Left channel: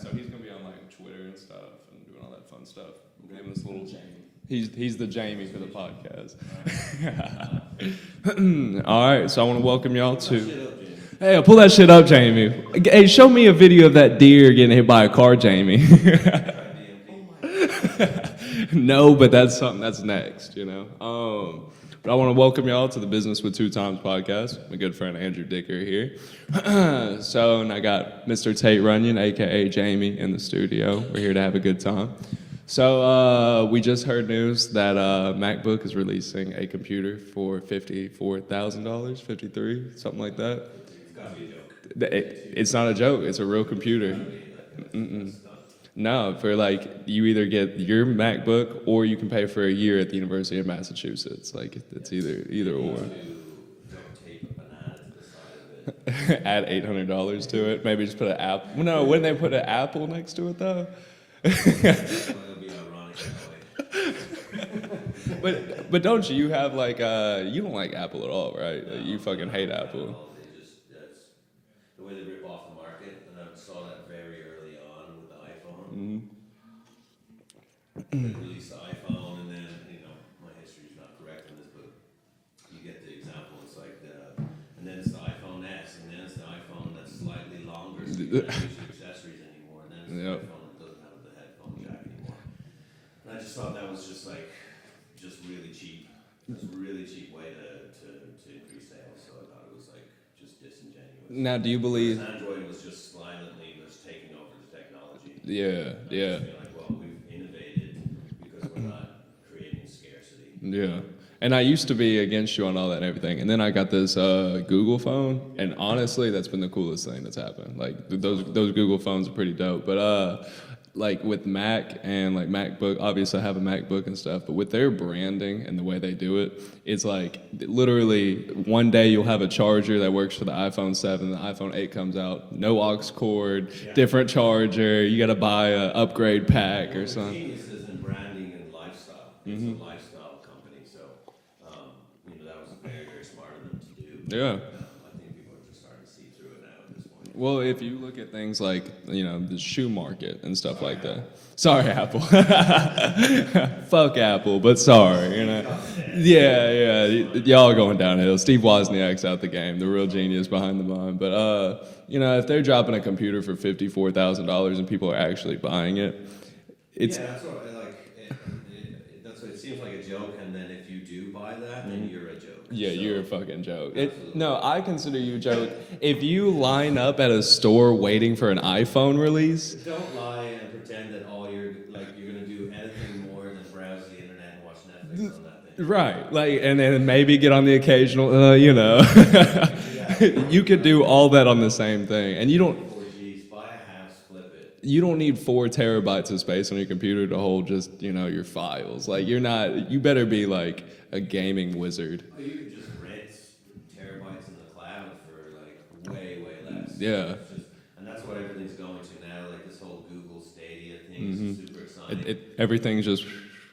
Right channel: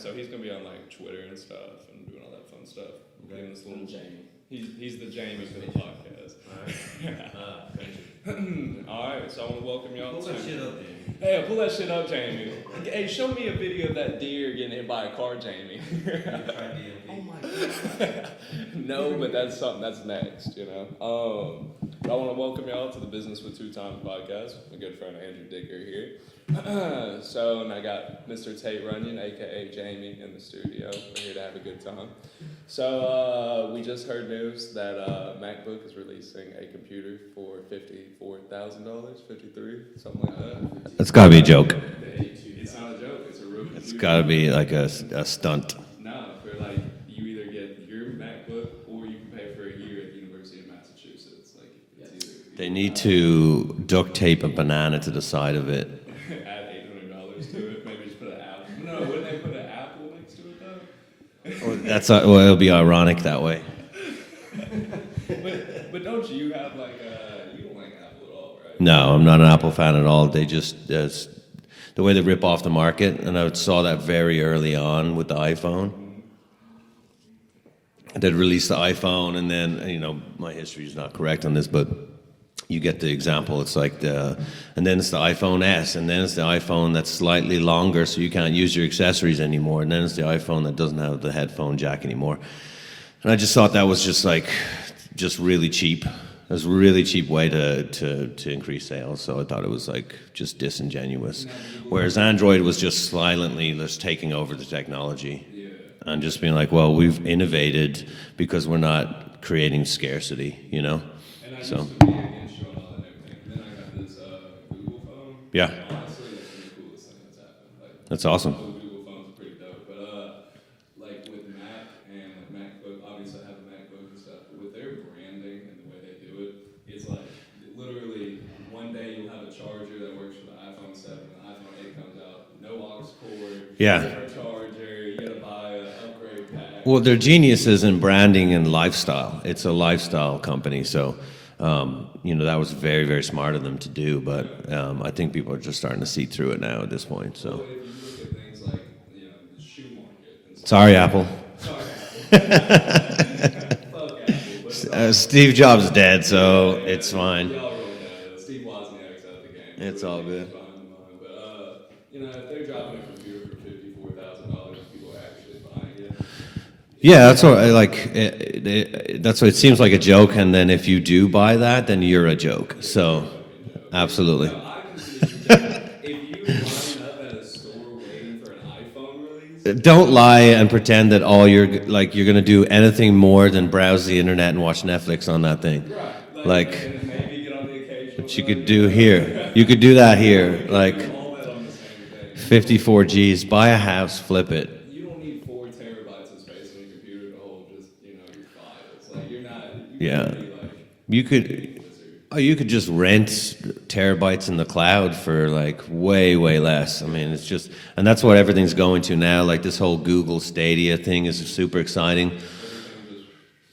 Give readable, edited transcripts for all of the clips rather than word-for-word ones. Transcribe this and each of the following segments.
So he's gonna be on like Twitter and stuff and doing all that fun stuff. We'll give him this little Jamie. He's the Jamie for the podcast. All right, so I want to welcome y'all to. Hey, pull that shit up, Jamie. Hey, show me a video of that deer getting hit by a car, Jamie. No, but that's something that's next, you know. But I want to welcome y'all to the Business with Two Times podcast. My good friend Andrew Dicker here. And I got Mr. Tate Runyon, aka Jamie, in the studio. We're here to have a good time. So we just heard news that MacBook is releasing a computer for $54,000, $53,000, something like that. That's gotta be a joke. It's not a joke. It's a real computer. It's gotta be like a stunt. No, for like you either get your MacBook or you can pay for a year at the University of Massachusetts. Like it's either They need one. to duct tape a banana to the side of it. Add $800 to it. Maybe just put an apple. Well, no, wouldn't they put an apple next to it though? Well, it'll be ironic that way. But don't you have like you don't like Apple at all, right? No, I'm not an Apple fan at all. They just the way they rip off the market, and I saw that very early on with the iPhone. They'd release the iPhone, and then my history is not correct on this, but you get the example. It's like and then it's the iPhone S, and then it's the iPhone that's slightly longer, so you can't use your accessories anymore, and then it's the iPhone that doesn't have the headphone jack anymore. And I just thought that was just really cheap. It was a really cheap way to increase sales, so I thought it was like just disingenuous. Now, do you believe? Whereas Android was just silently just taking over the technology. Yeah. And just being like, well, we've innovated because we're not creating scarcity, you know? And I used to be against you on all that and everything. And then I got this Google phone. Yeah. And honestly, that's been the coolest thing that's happened. Like That's awesome. Those Google phones are pretty dope. But like with Mac and like MacBook, obviously I have a MacBook and stuff, but with their branding and the way they do it, it's like literally one day you'll have a charger that works for the iPhone 7, the iPhone 8 comes out, no aux cord, different charger, you gotta buy an upgrade pack. Well, they're geniuses in branding and lifestyle. It's a lifestyle company, so that was very, very smart of them to do. But I think people are just starting to see through it now at this point. So. Well, if you look at things like the shoe market and stuff. Sorry, Apple. Sorry, Apple. Fuck Apple, but sorry. Steve Jobs is dead, so it's fine. Y'all are going downhill. Steve Wozniak's out the game, the It's real genius behind the mind. But if they're dropping a computer for $54,000 and people are actually buying it. Yeah, that's what that's what it seems like a joke, and then if you do buy that, then you're a joke. Yeah, so you're a fucking joke. Absolutely. No, I consider you a joke. If you line up at a store waiting for an iPhone release, don't lie and pretend that you're going to do anything more than browse the internet and watch Netflix on that thing. right? And then maybe get on the occasional. Here. You could do that here. You could do all that on the same thing. And 54 Gs, buy a house, flip it. You don't need 4 terabytes of space on your computer to hold just your files. Like you're not. You better be like a gaming wizard. Oh, you could just rent terabytes in the cloud for like way, way less. I mean, it's just, and that's what everything's going to now. Like this whole Google Stadia thing is super exciting. Everything's just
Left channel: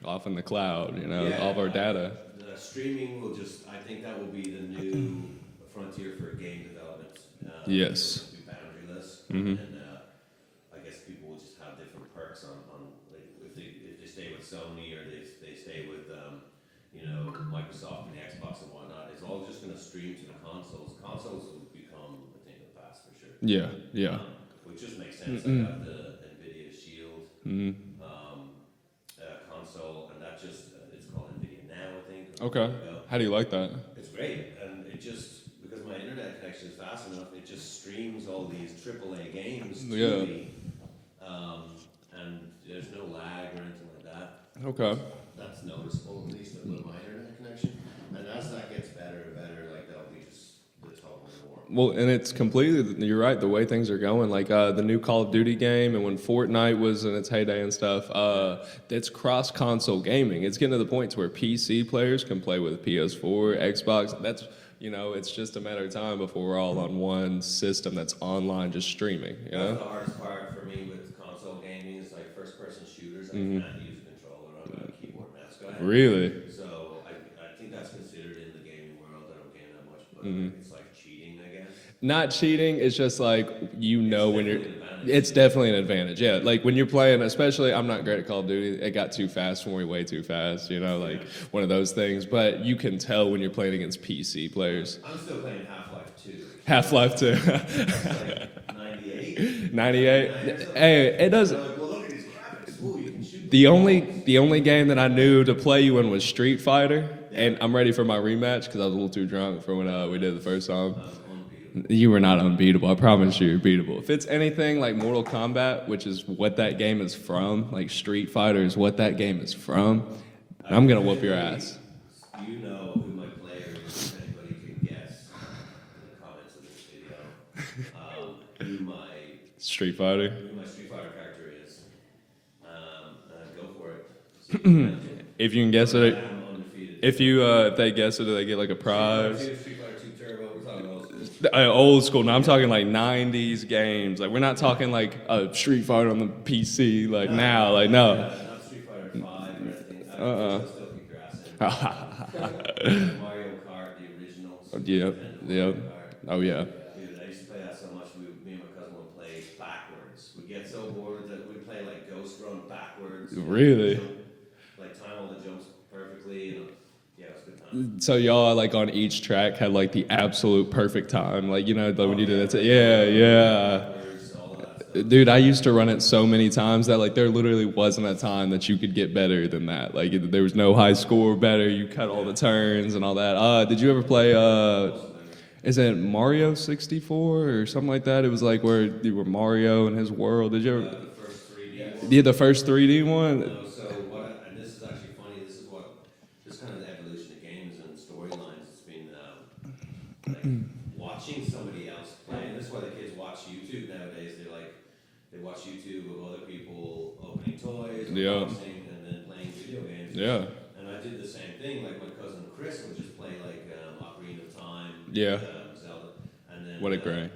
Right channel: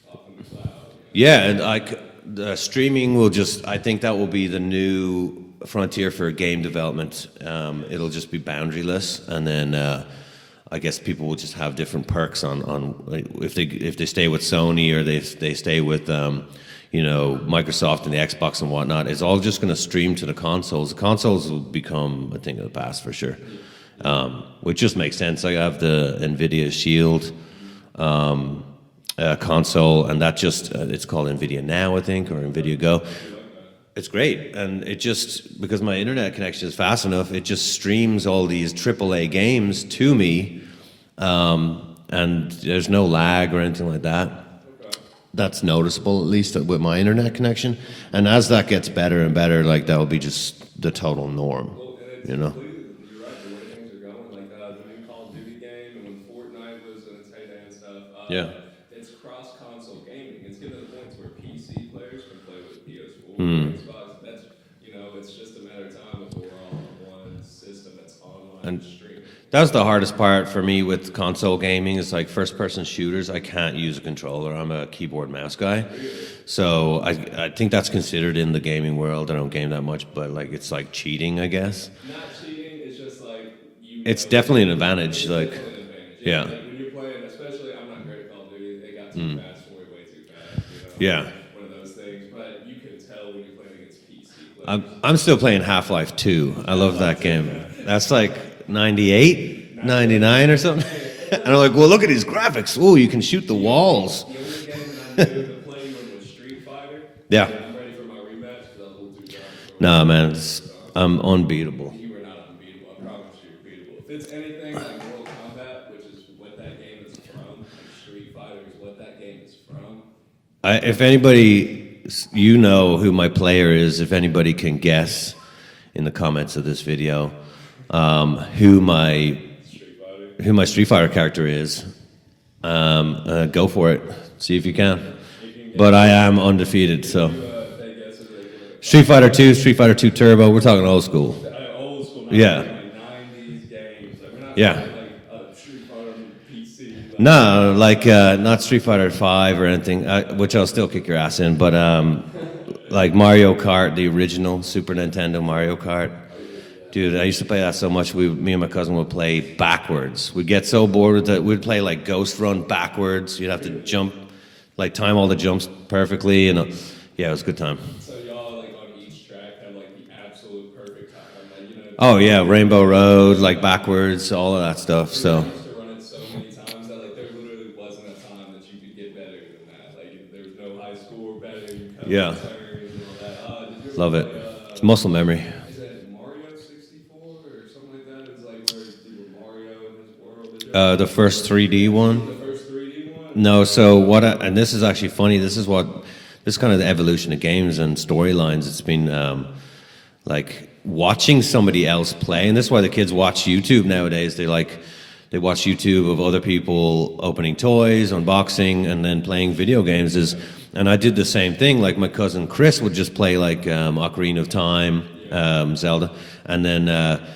off in the cloud. Yeah, and the streaming will I think that will be the new frontier for game development. It'll just be boundaryless, and then I guess people will just have different perks on if they stay with Sony or they stay with Microsoft and the Xbox and whatnot. It's all just going to stream to the consoles. The consoles will become a thing of the past for sure. Yeah. Which just makes sense. I have the NVIDIA Shield console, and that it's called NVIDIA Now, I think, or NVIDIA Go. How do you like that? It's great, and it just, because my internet connection is fast enough, it just streams all these AAA games to me, and there's no lag or anything like that. Okay. That's noticeable, at least with my internet connection, and as that gets better and better, that will be just the total norm. Well, and it's completely, you're right, the way things are going, like the new Call of Duty game and when Fortnite was in its heyday and stuff, it's cross-console gaming. It's getting to the point to where PC players can play with PS4, Xbox. That's You know, it's just a matter of time before we're all on one system that's online, just streaming. That was the hardest part for me with console gaming. It's like first-person shooters. I can't use a controller. I'm a keyboard mouse guy. Really? So I think that's considered in the gaming world. I don't game that much, but like it's like cheating, I guess. Not cheating. It's just like It's definitely an advantage. It's like, definitely an advantage. Yeah. Yeah. Like when you're playing, especially, I'm not great at Call of Duty. It got too fast for me, way too fast. You know. Like, Yeah. One of those things. But you can tell when you're playing against PC players. I'm still playing Half-Life 2. I love that Half-Life 2. game. That's like 98, 99 or something. Hey, it And doesn't. I'm like, well, look at these graphics. Ooh, you can shoot the walls. The only game that I knew to play you in was Street Fighter. Yeah. And I'm ready for my rematch because I was a little too drunk for when Nah, I played man, it the first time. I'm unbeatable. You were not unbeatable. I promise you're beatable. If it's anything like Mortal Kombat, which is what that game is from, like Street Fighter is what that game is from. I'm gonna If whoop anybody, you know who my player is, if anybody can guess in the comments of this video who my your ass. Street Fighter. Street Fighter character is, go for it. See if you can. If you can guess But I it. am undefeated. If so if they guess it, do they get like a prize? Street Fighter 2, Street Fighter 2 Turbo. We're talking old school. Old school. Now Yeah. I'm talking like 90s games. Like we're not Yeah. talking like a Street Fighter on the PC. Like, No, no, like no. not Street Fighter 5 or anything, which I'll still kick your ass in. But like Mario Kart, the original Super Nintendo Mario Kart. Oh yeah. Dude, I used to play that so much. Me and my cousin would play backwards. We'd get so bored with it. We'd play like Ghost Run backwards. You'd have to Really? jump, like time all the jumps perfectly, and yeah, it was a good time. So y'all like on each track had like the absolute perfect time. Like the, Oh yeah, Rainbow Road, yeah. like backwards, all of that stuff. Dude, so. I used to run it so many times that like there literally wasn't a time that you could get better than that. Like there was no high score better. You cut all Yeah. the turns and all that. Did you ever Love play? it. It's muscle memory. Is it Mario 64 or something like that? It was like where you were Mario and his world. Did you ever? The first 3D one. Yeah, the first 3D one. No, so and this is actually funny. This is kind of the evolution of games and storylines. It's been like watching somebody else play, and this is why the kids watch YouTube nowadays. They watch YouTube of other people opening toys, unboxing, and then playing video games. Yeah. And I did the same thing. Like my cousin Chris would just play like Ocarina of Time, Yeah. Zelda, and then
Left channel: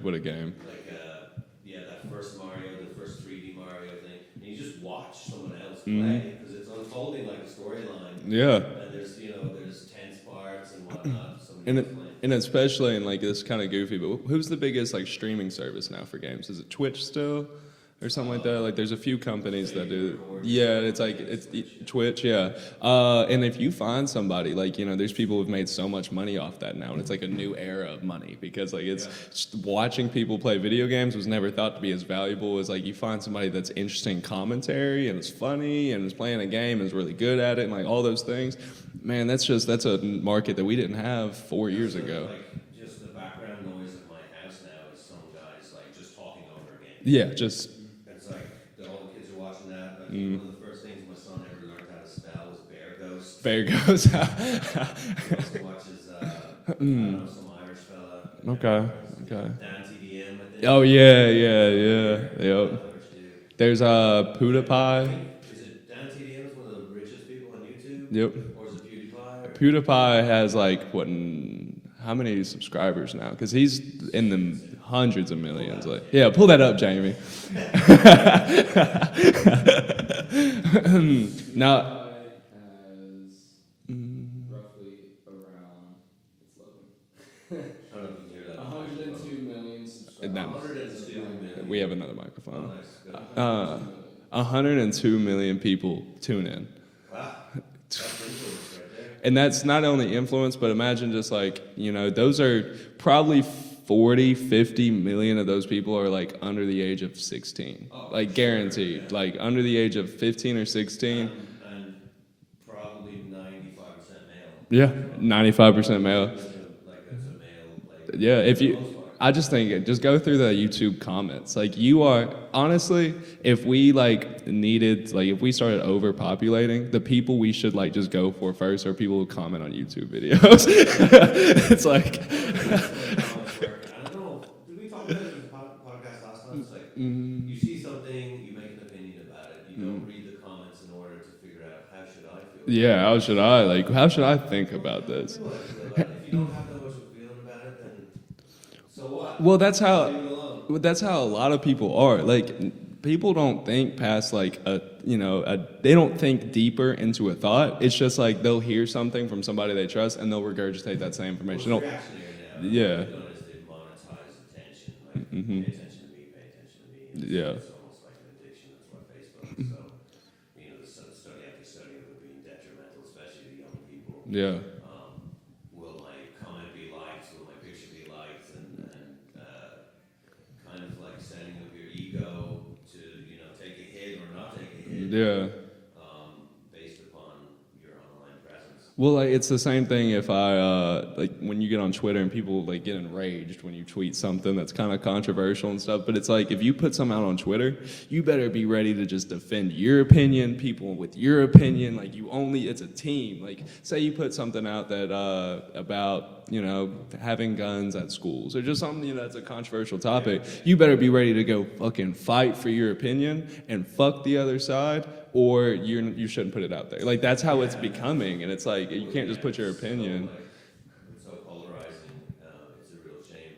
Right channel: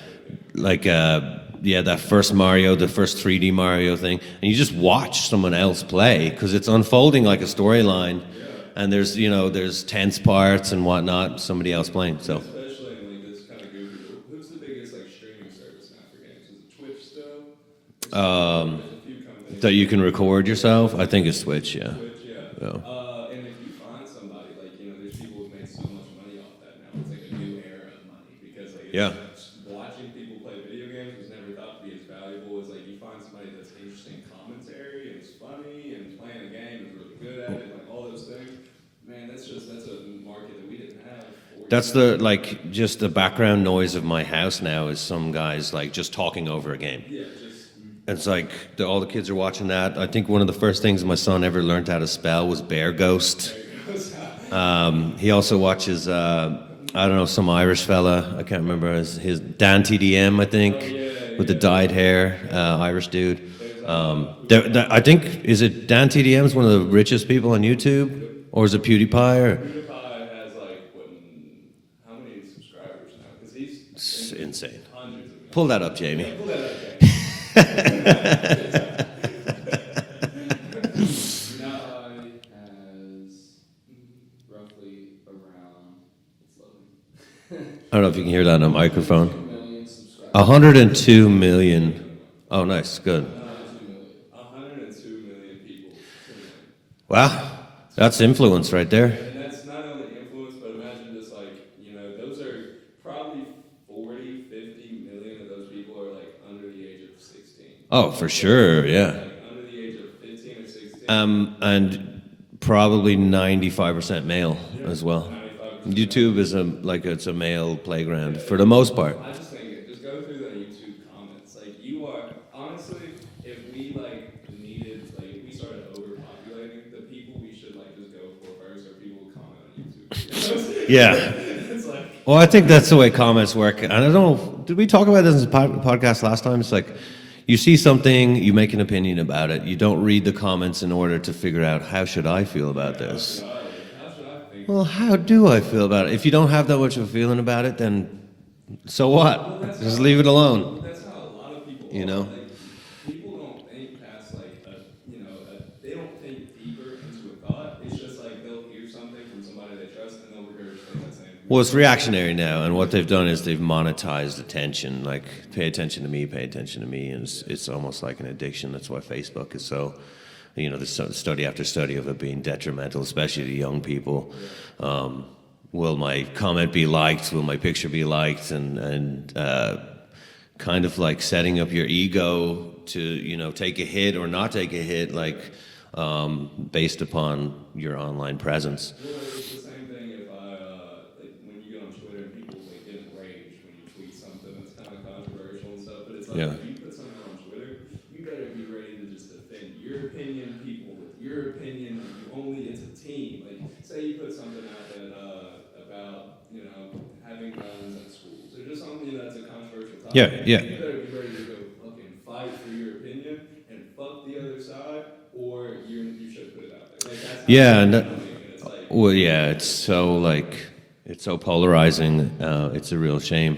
What a game. like that first Mario, the first 3D Mario thing, and you just watch someone else play because it's unfolding like a storyline. Yeah. And there's tense parts and whatnot. Somebody else playing. And So especially in like this kind of goofy, but who's the biggest like streaming service now for games? Is it Twitch still? Or something like that? Like there's a few companies. that you can record yourself. it's I like- think it's Twitch. Yeah. Twitch, yeah. And if you find somebody, like, there's people who've made so much money off that now, and it's like a new era of money because, like, just watching people play video games was never thought to be as valuable as, like, you find somebody that's interesting commentary and is funny and is playing a game and is really good at it and, like, all those things. Man, that's a market that we didn't have 4 That's years ago. just the background noise of my house now is some guys like just talking over a game. Yeah, just. It's like all the kids are watching that. I think one of the first things my son ever learned how to spell was Bear Ghost. There goes. He also watches, I don't know, some Irish fella. I can't remember his Dan TDM, I think. Oh, yeah, with the yeah, dyed yeah, hair, yeah. Irish dude. There's I PewDiePie. think is it Dan TDM's one of the richest people on YouTube, Yep. or is it PewDiePie? Or? PewDiePie has like how many subscribers now? Because he's in the Insane. hundreds of millions. Pull that up, Jamie. Yeah, pull that up, Jamie. Now, has roughly around. It's loading. I don't know if you can hear that on a microphone. million subscribers. 102 Yeah, million. another microphone. Oh, nice, good. 102 million people tune in. Wow, that's influence right there. And that's not only influence, but imagine just like, those are probably 40, 50 million of those people are like under the age of 16. Oh, Like, for sure, guaranteed. yeah. Like under the age of 15 or 16. And probably 95% male as well. 95% male. YouTube is it's a male playground Yeah, for if the you- most part. I just think just go through the YouTube comments. Like you are honestly, if we if we started overpopulating, the people we should just go for first are people who comment on YouTube videos. Yeah. It's like Well, I think that's the way comments work. And I don't know, did we talk about this in the podcast last time? It's like you see something, you make an opinion about it. You don't read the comments in order to figure out how should I feel about Yeah, this. how should I think Well, about how this? do I feel about it? If you don't have that much of a feeling about it, then so what? Well, that's Just how leave it alone. That's how a lot of people are. know? Like, people don't think past like they don't think deeper into a thought. It's just like they'll hear something from somebody they trust and they'll regurgitate that same information. Well, it's They'll- reactionary now, and what Yeah. they've done is they've monetized attention. Like, pay attention to me, pay attention to me, and Yeah. it's almost like an addiction. That's why Facebook is so, there's study after study of it being detrimental, especially to young people. Yeah. Will my comment be liked? Will my picture be liked? And kind of like setting up your ego to take a hit or not take a hit, Yeah. based upon your online presence. Well, like, it's the same thing if I like when you get on Twitter and people like get enraged when you tweet something that's kind of controversial and stuff. But it's like Yeah. if you put something out on Twitter, you better be ready to just defend your opinion, people with your opinion. Like it's a team. Like say you put something out that about having guns at schools or just something that's a controversial topic. yeah. You better be ready to go fucking fight for your opinion and fuck the other side. Or you shouldn't put it out there. Like that's how Yeah, it's and becoming, and it's like you Well, can't yeah, just put it's your so opinion. it's so polarizing. It's a real shame.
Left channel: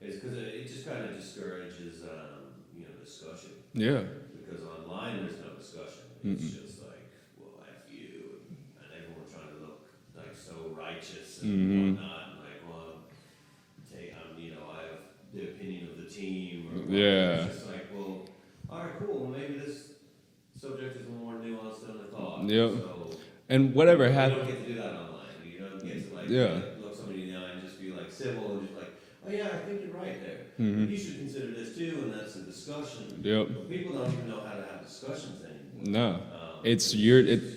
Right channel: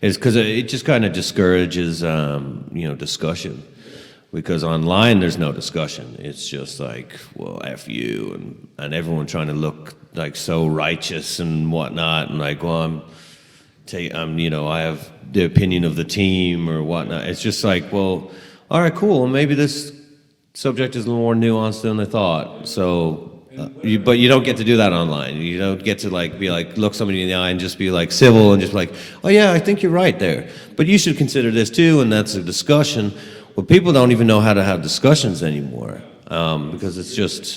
It's because it just kind of discourages, discussion. Yeah. Because online there's no discussion. It's just like, well, f you, and everyone trying to look like so righteous and whatnot, and like, well, I have the opinion of the team or whatnot. Yeah. It's just like, well, all right, cool. Well, maybe this subject is a little more nuanced than I thought. Yep. So, And whatever but you don't happens- get to do that online. You don't get to be Yeah. like look somebody in the eye and just be like civil and just like, oh yeah, I think you're right there. But you should consider this too, and that's a discussion. Yep. But people don't even know how to have discussions anymore. No. Because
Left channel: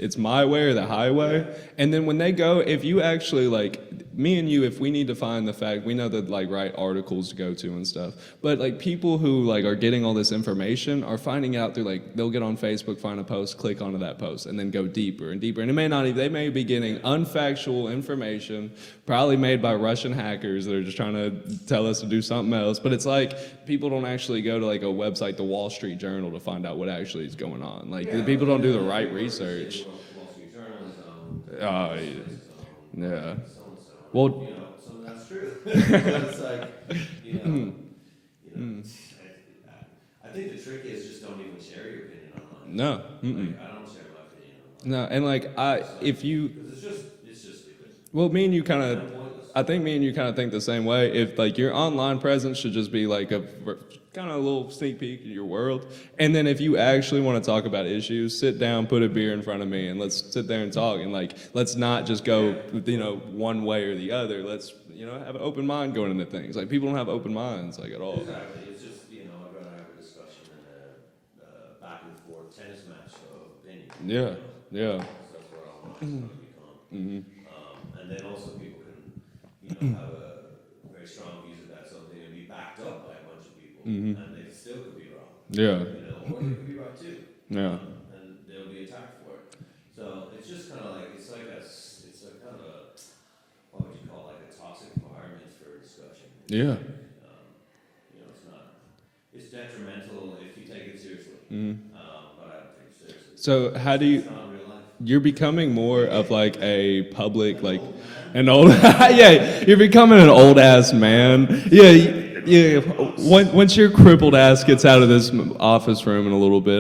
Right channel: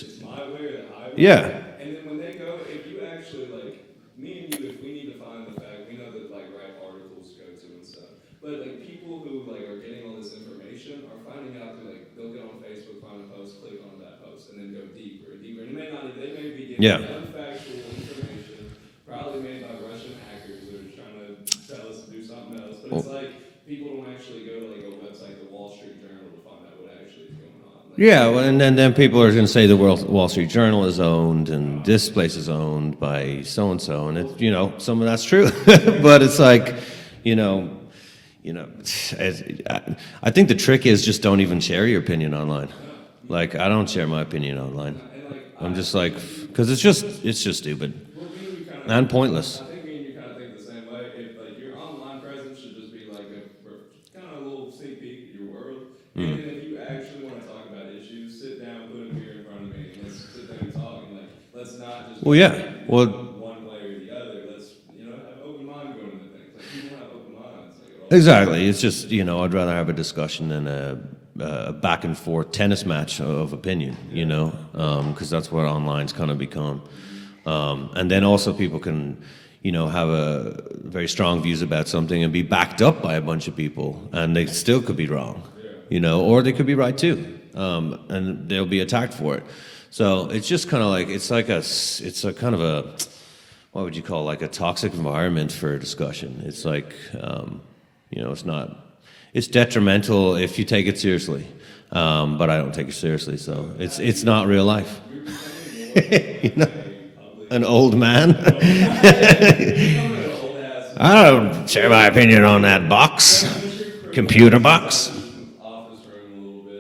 it's my way or the highway. Yeah. And then when they go, if you actually like me and you, if we need to find the fact, we know the like right articles to go to and stuff. But like people who like are getting all this information are finding out through like they'll get on Facebook, find a post, click onto that post, and then go deeper and deeper. And it may not even they may be getting Yeah. unfactual information, probably made by Russian hackers that are just trying to tell us to do something else. But it's like people don't actually go to like a website, the Wall Street Journal, to find out what actually is going on. Like, Yeah, people well, don't and do then, the then right people are going to say the research. Wall Street Journal is owned, and Oh, this place is owned by so and so, and Well- some of that's true, but it's like, I think the trick is just don't even share your opinion online. No. Like I don't share my opinion online. No, and like I'm just like if you, because it's just stupid well, me and you kind of, and pointless. I think me and you kind of think the same way. If like your online presence should just be like a kind of a little sneak peek of your world, Mm-hmm. and then if you actually want to talk about issues, sit down, put a beer in front of me, and let's sit there and talk. And like, let's not just go Well, yeah. Well- one way or the other. Let's have an open mind going into things. Like people don't have open minds like at all. Exactly. It's just I'd rather have a discussion than a back and forth tennis match of opinion. Yeah. Yeah. Because that's what online's kind of become. And then also people can have a very strong views about something and be backed up by a bunch of people, and they still could be wrong. Yeah. Or they could be right too, and they'll be attacked for it. So it's just kind of like it's a kind of a what would you call like a toxic environment for discussion. It's Yeah. like it's not. It's detrimental if you take it seriously, but I don't take it seriously. So how do you- it's not real life. You're becoming more of like a public, An like, old man. An old, yeah, you're becoming an old ass man. I don't share my opinion on that box. Once your crippled Computer ass box. gets out of this office room in a little bit,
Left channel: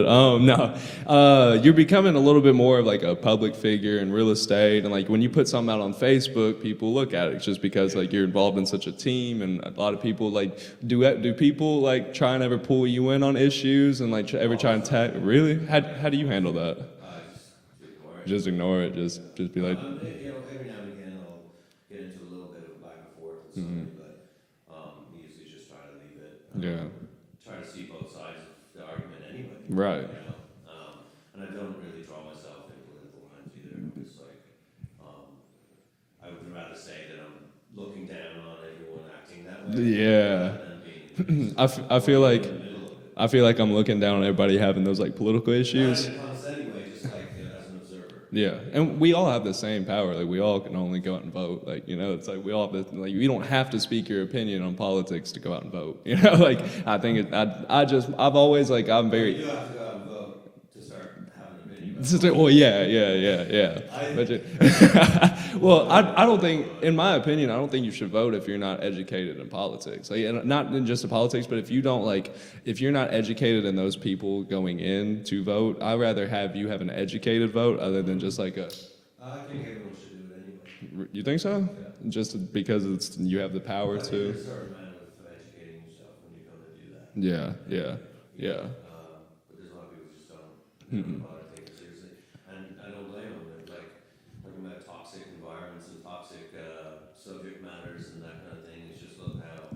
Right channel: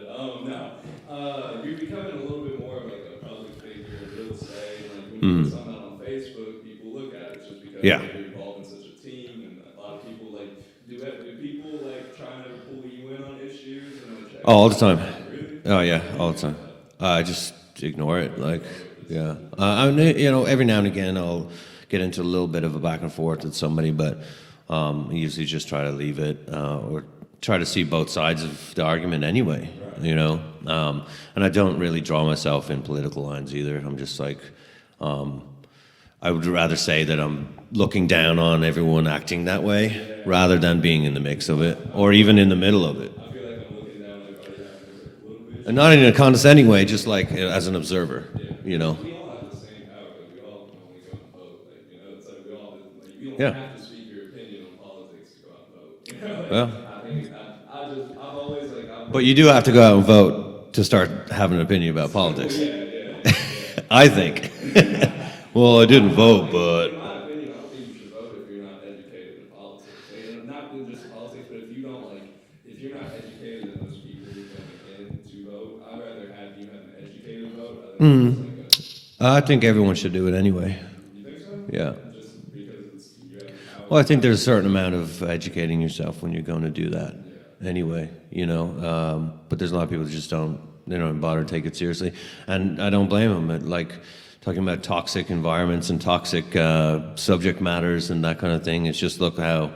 you're becoming a little bit more of like a public figure in real estate, and like when you put something out on Facebook, people look at it. It's just because Yeah. like you're involved in such a team, and a lot of people like do people like try and ever pull you in on issues and like ever All try the and time. tag? Really? Oh yeah. How do you all the handle time. that? I just ignore it. Just like, ignore it. Just Yeah. be like, Every now and again I'll get into a little bit of a back and forth with somebody, but I usually just try to leave it or try to see both sides of the argument anyway. Right. And I don't really draw myself in political lines either. I'm just like, I would rather say that I'm looking down on everyone acting that way, Yeah. rather than being in the mix of it, I or feel even like- in the middle of it. I feel like I'm looking down on everybody having those like political issues. And not in a condescending way, just like as an observer. Yeah, you and know. we all have the same power. Like we all can only go out and vote. Like it's like we all have like you don't Yeah. have to speak your opinion on politics to go out and vote. Like Yeah. I think it's I've always like I'm. But Very, you do have to go out and vote to start having an opinion about politics. Well, yeah. I think. Well, I didn't don't vote, think, but in my opinion, I don't think you should vote if you're not educated in politics. Like, and not in just in politics, but if you don't if you're not educated in those people going in to vote, I'd rather have you have an educated vote other than just like a. I think everyone should do it anyway. You think so? Yeah. Just because you have the power. Well, I think to- there's a certain amount of educating yourself when you're going to do that. Yeah. Anyway, you know, but there's a lot of people that just don't bother to take it seriously, and I don't blame them. Like talking about toxic environments and toxic subject matters and that kind of thing. It's just look how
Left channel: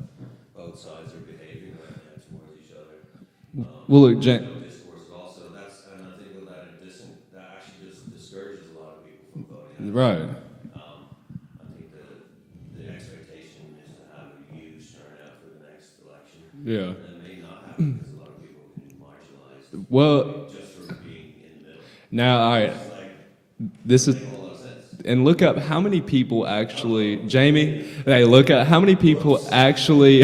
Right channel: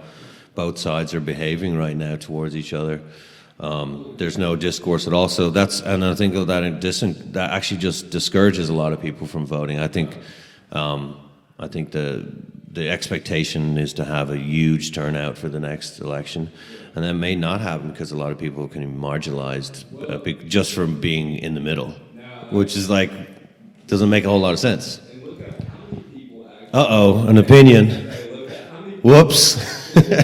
both sides are behaving right now towards each other. look, There's Jan- no discourse at all. So and I think that actually just discourages a lot of people from voting. I think, I think the expectation is to have a huge turnout for the next election, Yeah. and that may not happen because a lot of people can be marginalized, Well- just from being in the middle, Now, which is like doesn't make a whole lot of sense. and look up how many people actually. Uh-oh, an Jamie- opinion. Hey, look at how many people Whoops. actually.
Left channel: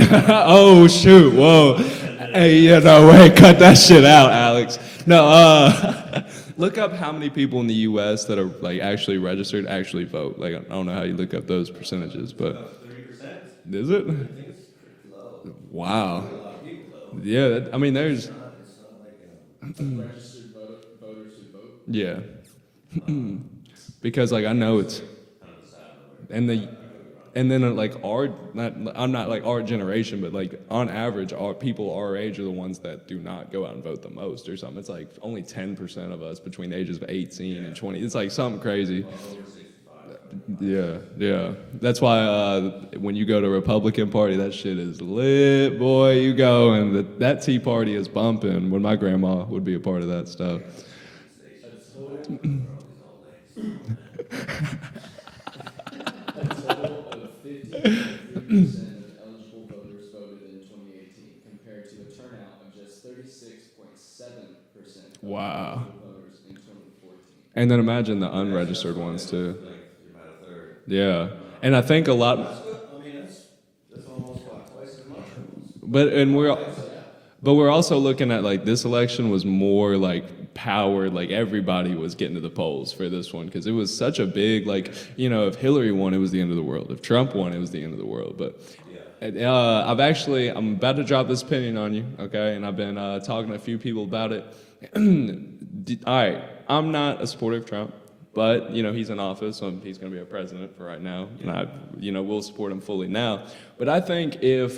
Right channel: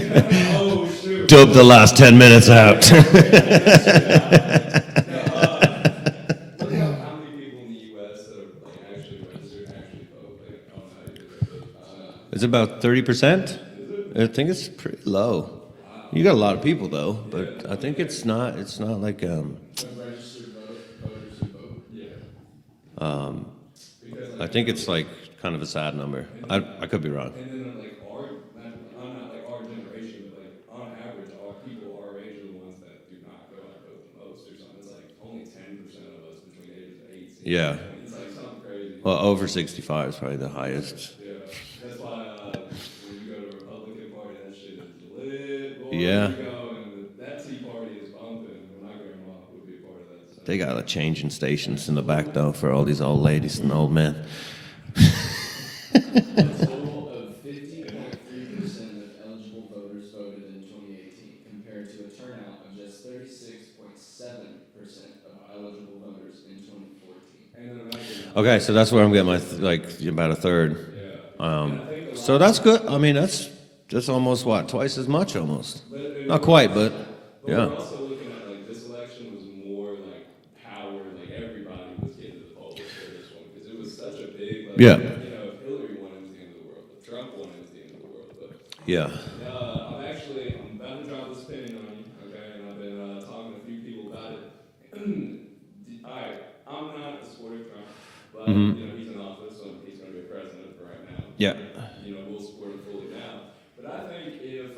Oh shoot! Dub the Whoa. last 10 minutes Hey, out. Yeah, no, wait, cut that shit out, Alex. No, look up how many people in the U.S. that are like actually registered actually vote. Like I don't know how you look up those percentages. It's but- about 30%. Is it? I think it's pretty low. Wow. You got a lot of people though. Yeah, but I mean, think there's- it's not like Registered voters who vote. Yeah. Because like I, I think know it's like kind of a sad number. And then- I could be wrong. And then I'm not like our generation, but like on average, our people our age are the ones that do not go out and vote the most or something. It's like only 10% of us between the ages of 18 Yeah. and 20. It's like something crazy. Well, over 65 is probably the highest. Yeah. That's why when you go to Republican Party, that shit is lit, boy. Yeah. You go and that Tea Party is bumping. When my grandma would be a part of that stuff. They got a changing stations in the back though for all these old ladies and old men. A total of 50.3% of eligible voters voted in 2018, compared to a turnout of just 36.7% of Wow. eligible voters in 2014. And then imagine the Okay, so that's where I'm getting my unregistered ones, about a third. too. Yeah. And I think a lot. So that's good. I mean, that's almost twice as much almost. But and Not we're- quite, but But yeah. we're also looking at like this election was more like powered, like everybody was getting to the polls for this one because it was such a big like Yeah. if Hillary won, it was the end of the world. If Trump won, it was the end of the world. But yeah. I'm about to drop this opinion on you, okay? And I've been talking to a few people about it. All right, I'm not a supporter of Trump. But he's in office, so he's going to be a president for right now. Yeah. We'll support him fully now. But I think if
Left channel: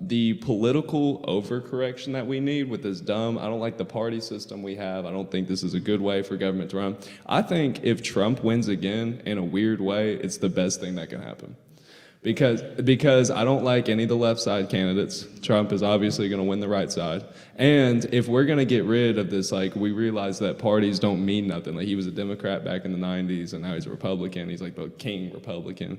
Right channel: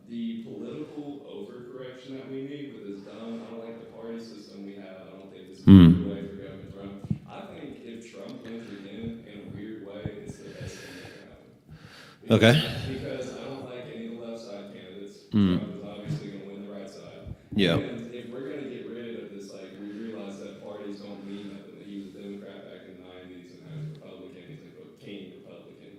the political overcorrection that we need with this dumb, I don't like the party system we have. I don't think this is a good way for government to run. I think if Trump wins again in a weird way, it's the best thing that can happen. Because I don't like any of the left side candidates. Trump is obviously going to win the right side. Yeah. And if we're going to get rid of this, like we realize that parties don't mean nothing. Like he was a Democrat back in the 90s and now he's a Republican. He's like the king Republican.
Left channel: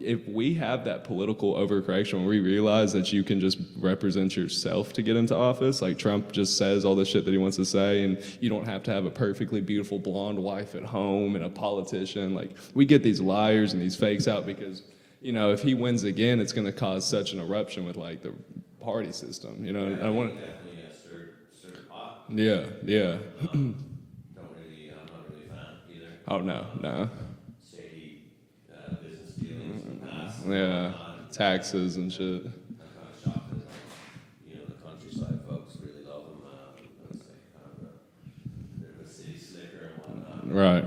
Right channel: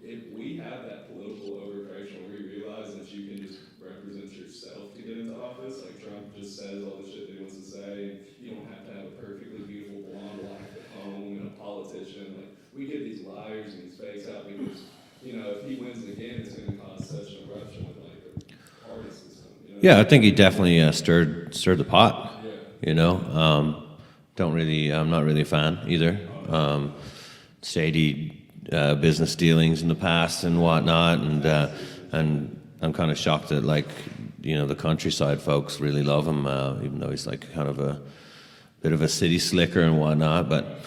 If we have that political overcorrection where we realize that you can just represent yourself to get into office, like Trump just says all the shit that he wants to say and you don't have to have a perfectly beautiful blonde wife at home and a politician. Like we get these liars and these fakes out because if he wins again, it's going to cause such an eruption with like the party system. Yeah, I think he definitely stirred the pot. Yeah. You know, I'm not really a fan either. Oh no, no. Shady business dealings in the past and Yeah, whatnot, and taxes and and I'm kind of shocked that the countryside folks really love him, even though he's like kind of a bit of a city slicker and whatnot. But Right.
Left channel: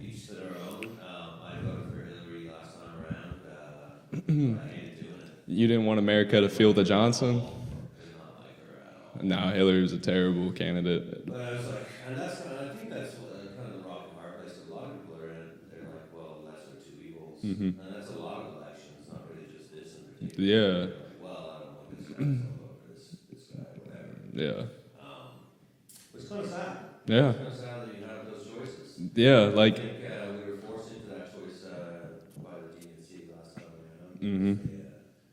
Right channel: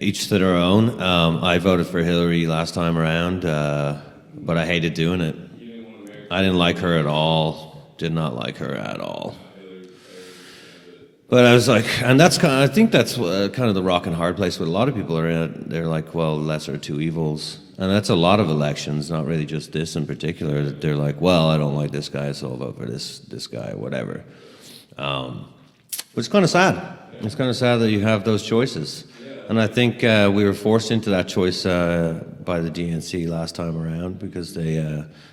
each to their own. I voted for Hillary last time around, but I hated doing it. You didn't want America. I to didn't feel like the her at Johnson? all. Did not like her at all. No, Hillary was a terrible candidate. But I was like, and I think that's kind of the rock and hard place. What a lot of people are at. They're like, well, lesser of two evils, and that's a lot of elections, not really just this in particular. Yeah. They're like, well, I don't like this guy, so I'll vote for this guy, whatever. Yeah. But Which is kind of sad. Yeah. It's kind of sad that you have those choices. Yeah, And I like- think we were forced into that choice by the DNC last time around because they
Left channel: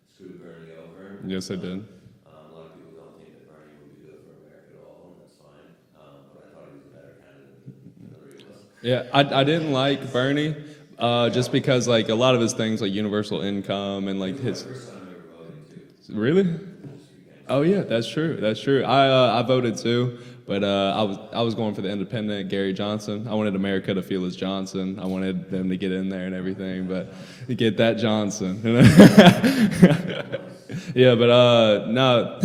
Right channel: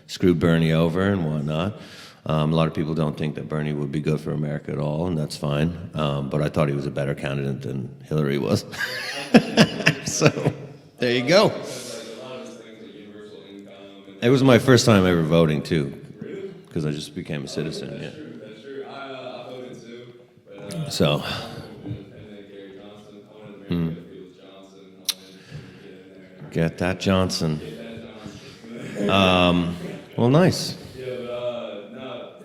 screwed Bernie over and Mm-hmm. Yes, they whatnot. did. A lot of people don't think that Bernie would be good for America at all, and that's fine. But I thought he was a better candidate than Hillary was. Yeah, I didn't like Bernie. there you go. Just because like a lot of his things, like universal income and like It was my first time ever voting too, really. because I just became a Oh citizen. yeah, that's true. That's true. I voted too, but So- I was going for the independent Gary Johnson. I wanted America to feel as Johnson. I wanted them to get in there and everything. Get that but- Johnson. Get that Johnson. Well, nice. Yeah, but no,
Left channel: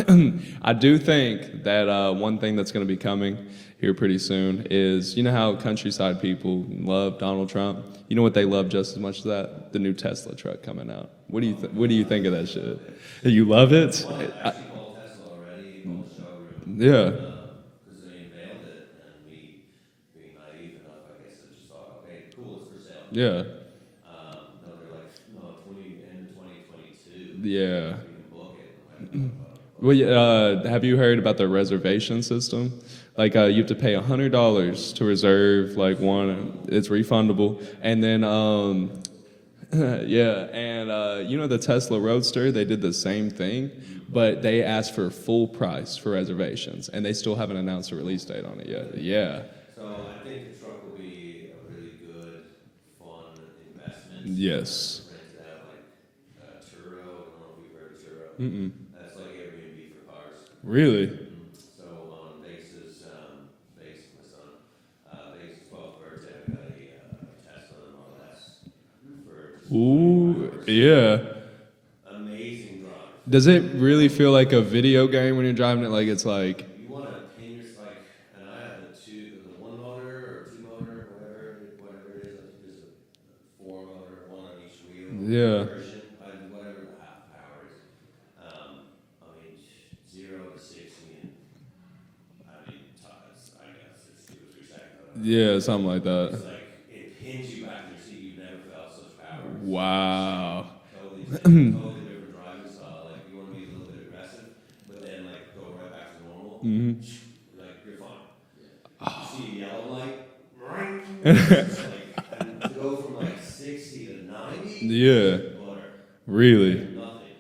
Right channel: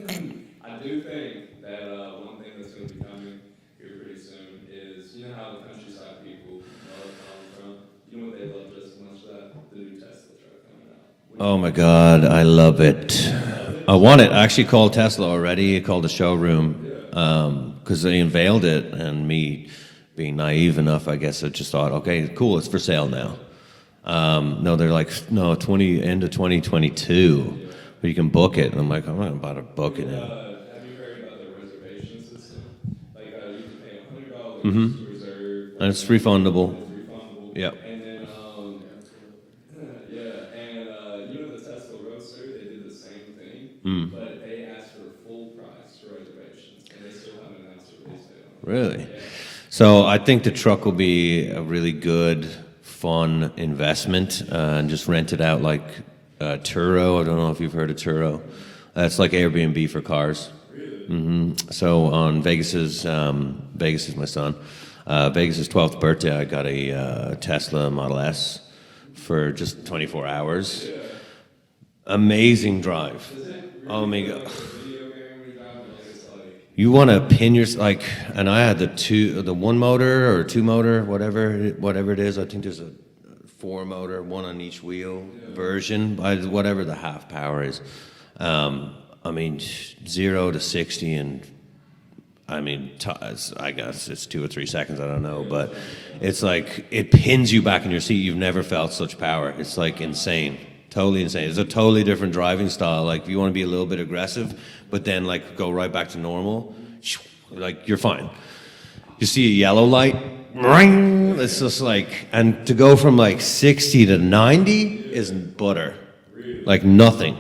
I do think that one thing that's going to be coming here pretty soon is, you know how countryside people love Donald Trump? You know what they love just as much as that? The new Tesla truck coming out. What do you- Oh my what do you God, think of I it? love it. Do you love it? I want it. I actually called Tesla already. I called the showroom. Yeah. Because they unveiled it, and me being naive enough, I guess I just thought, okay, cool, it's for sale now. Yeah. No, they're like, no, end of 2022. Yeah. But you can book it. And I'm like, I'm not about to book Well, it. have you heard about the reservation system? Like you have to pay $100 to reserve. Like That's refundable. It's refundable. Yep. And then, yeah, and you know the Tesla Roadster, they did the same thing, but they asked for full price for reservations, and they still haven't announced a release date on it. yet. Really? Yeah. So I think the truck will be a really good, fun investment. Yes. And just rent it out like Turo. I don't know if you've heard of Turo. That's like Airbnb for cars. Really? So on Vegas is my son. Vegas's 12th birthday, I got a Tesla Model S for just 24 hours. Yeah. Amazing drive. Does it really Oh, my feel God. like a video game when you're driving it? Like it's like, You want to pin your like, and I had the one motor or two motor, whatever it is. I think there's a 4 motor, one on each wheel Yeah. version, whatever the half power is. I mean, 0 to 60 and. I mean, I guess it's 2 or 3 seconds. I don't know. Yeah, but something like that. It's like it pins you back in your seat. You've never felt such power. It's like Wow. insane, totally insane. It's a totally different driving style. Like if you want to be a little bit aggressive, but then like go right back to normal, like you're fine. You see a yellow light, ring. It's just like, and to go from like 60 to 90 is Yeah. butter, really? like nothing.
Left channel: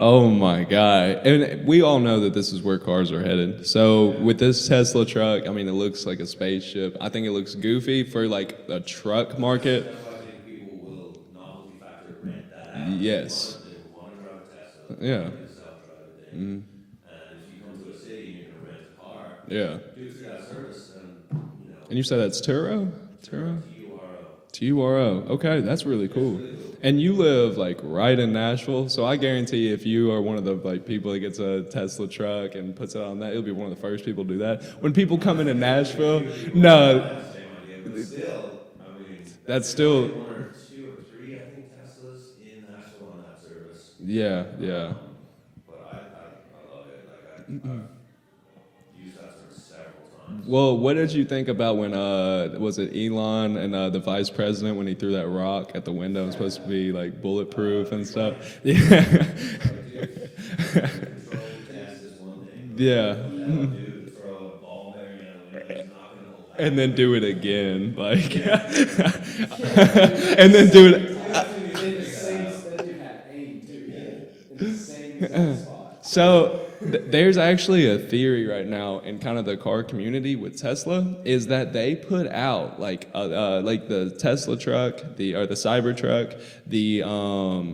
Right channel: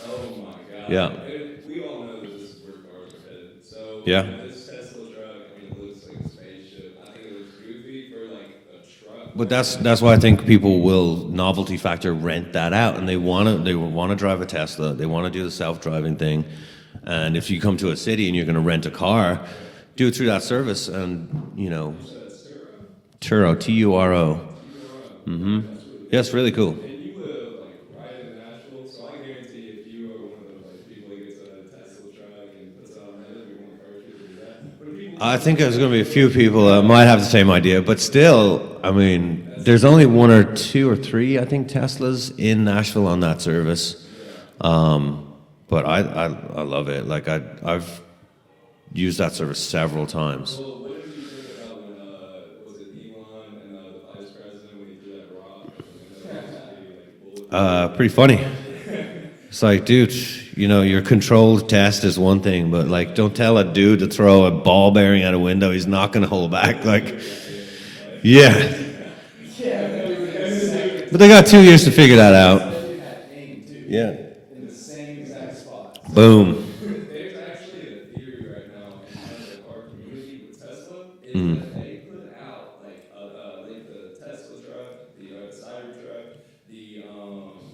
Oh my God. Yeah. And we all know that this is where cars are headed. So Yeah. with this Tesla truck, I mean, it looks like a spaceship. I think it looks goofy for like a truck But market. that's why I think people will novelty factor rent that out, and Yes. they want to drive a Tesla. They Yeah. want to do the self-driving thing. And if you come to a city and you're going to rent a car, Yeah. do it through that service, and you know, And you said that's Turo? Turo, Turo. T-U-R-O. Okay, that's really cool. Yeah, it's really cool. And you live like right in Nashville, so I guarantee if you are one of the like people that gets a Tesla truck and puts it on that, you'll be one of the first people to do that. When people come I into think there's going to be a few Nashville- people No, that might have the same idea, but still, I mean, That's there's still- only 1 or 2 or 3, I think, Teslas in Nashville on that service. Yeah. But I love it. Like I've used that service several times. Well, what did you think about when was it Elon and the vice president when he threw that rock at the window? It's supposed to be like bulletproof. and Pretty stuff. funny. It's like, dude, you know, your controlled test is one thing, but Yeah. like, don't tell a dude to throw a ball bearing out a window. He's not going to hold back. And then Like, do it again. Like, yeah. and then do it. But they got 2 years to figure that out. Yeah. In the same exact spot. So there's actually a theory right now in kind of the car community with Tesla is that they put out like the Tesla truck, the Cybertruck, the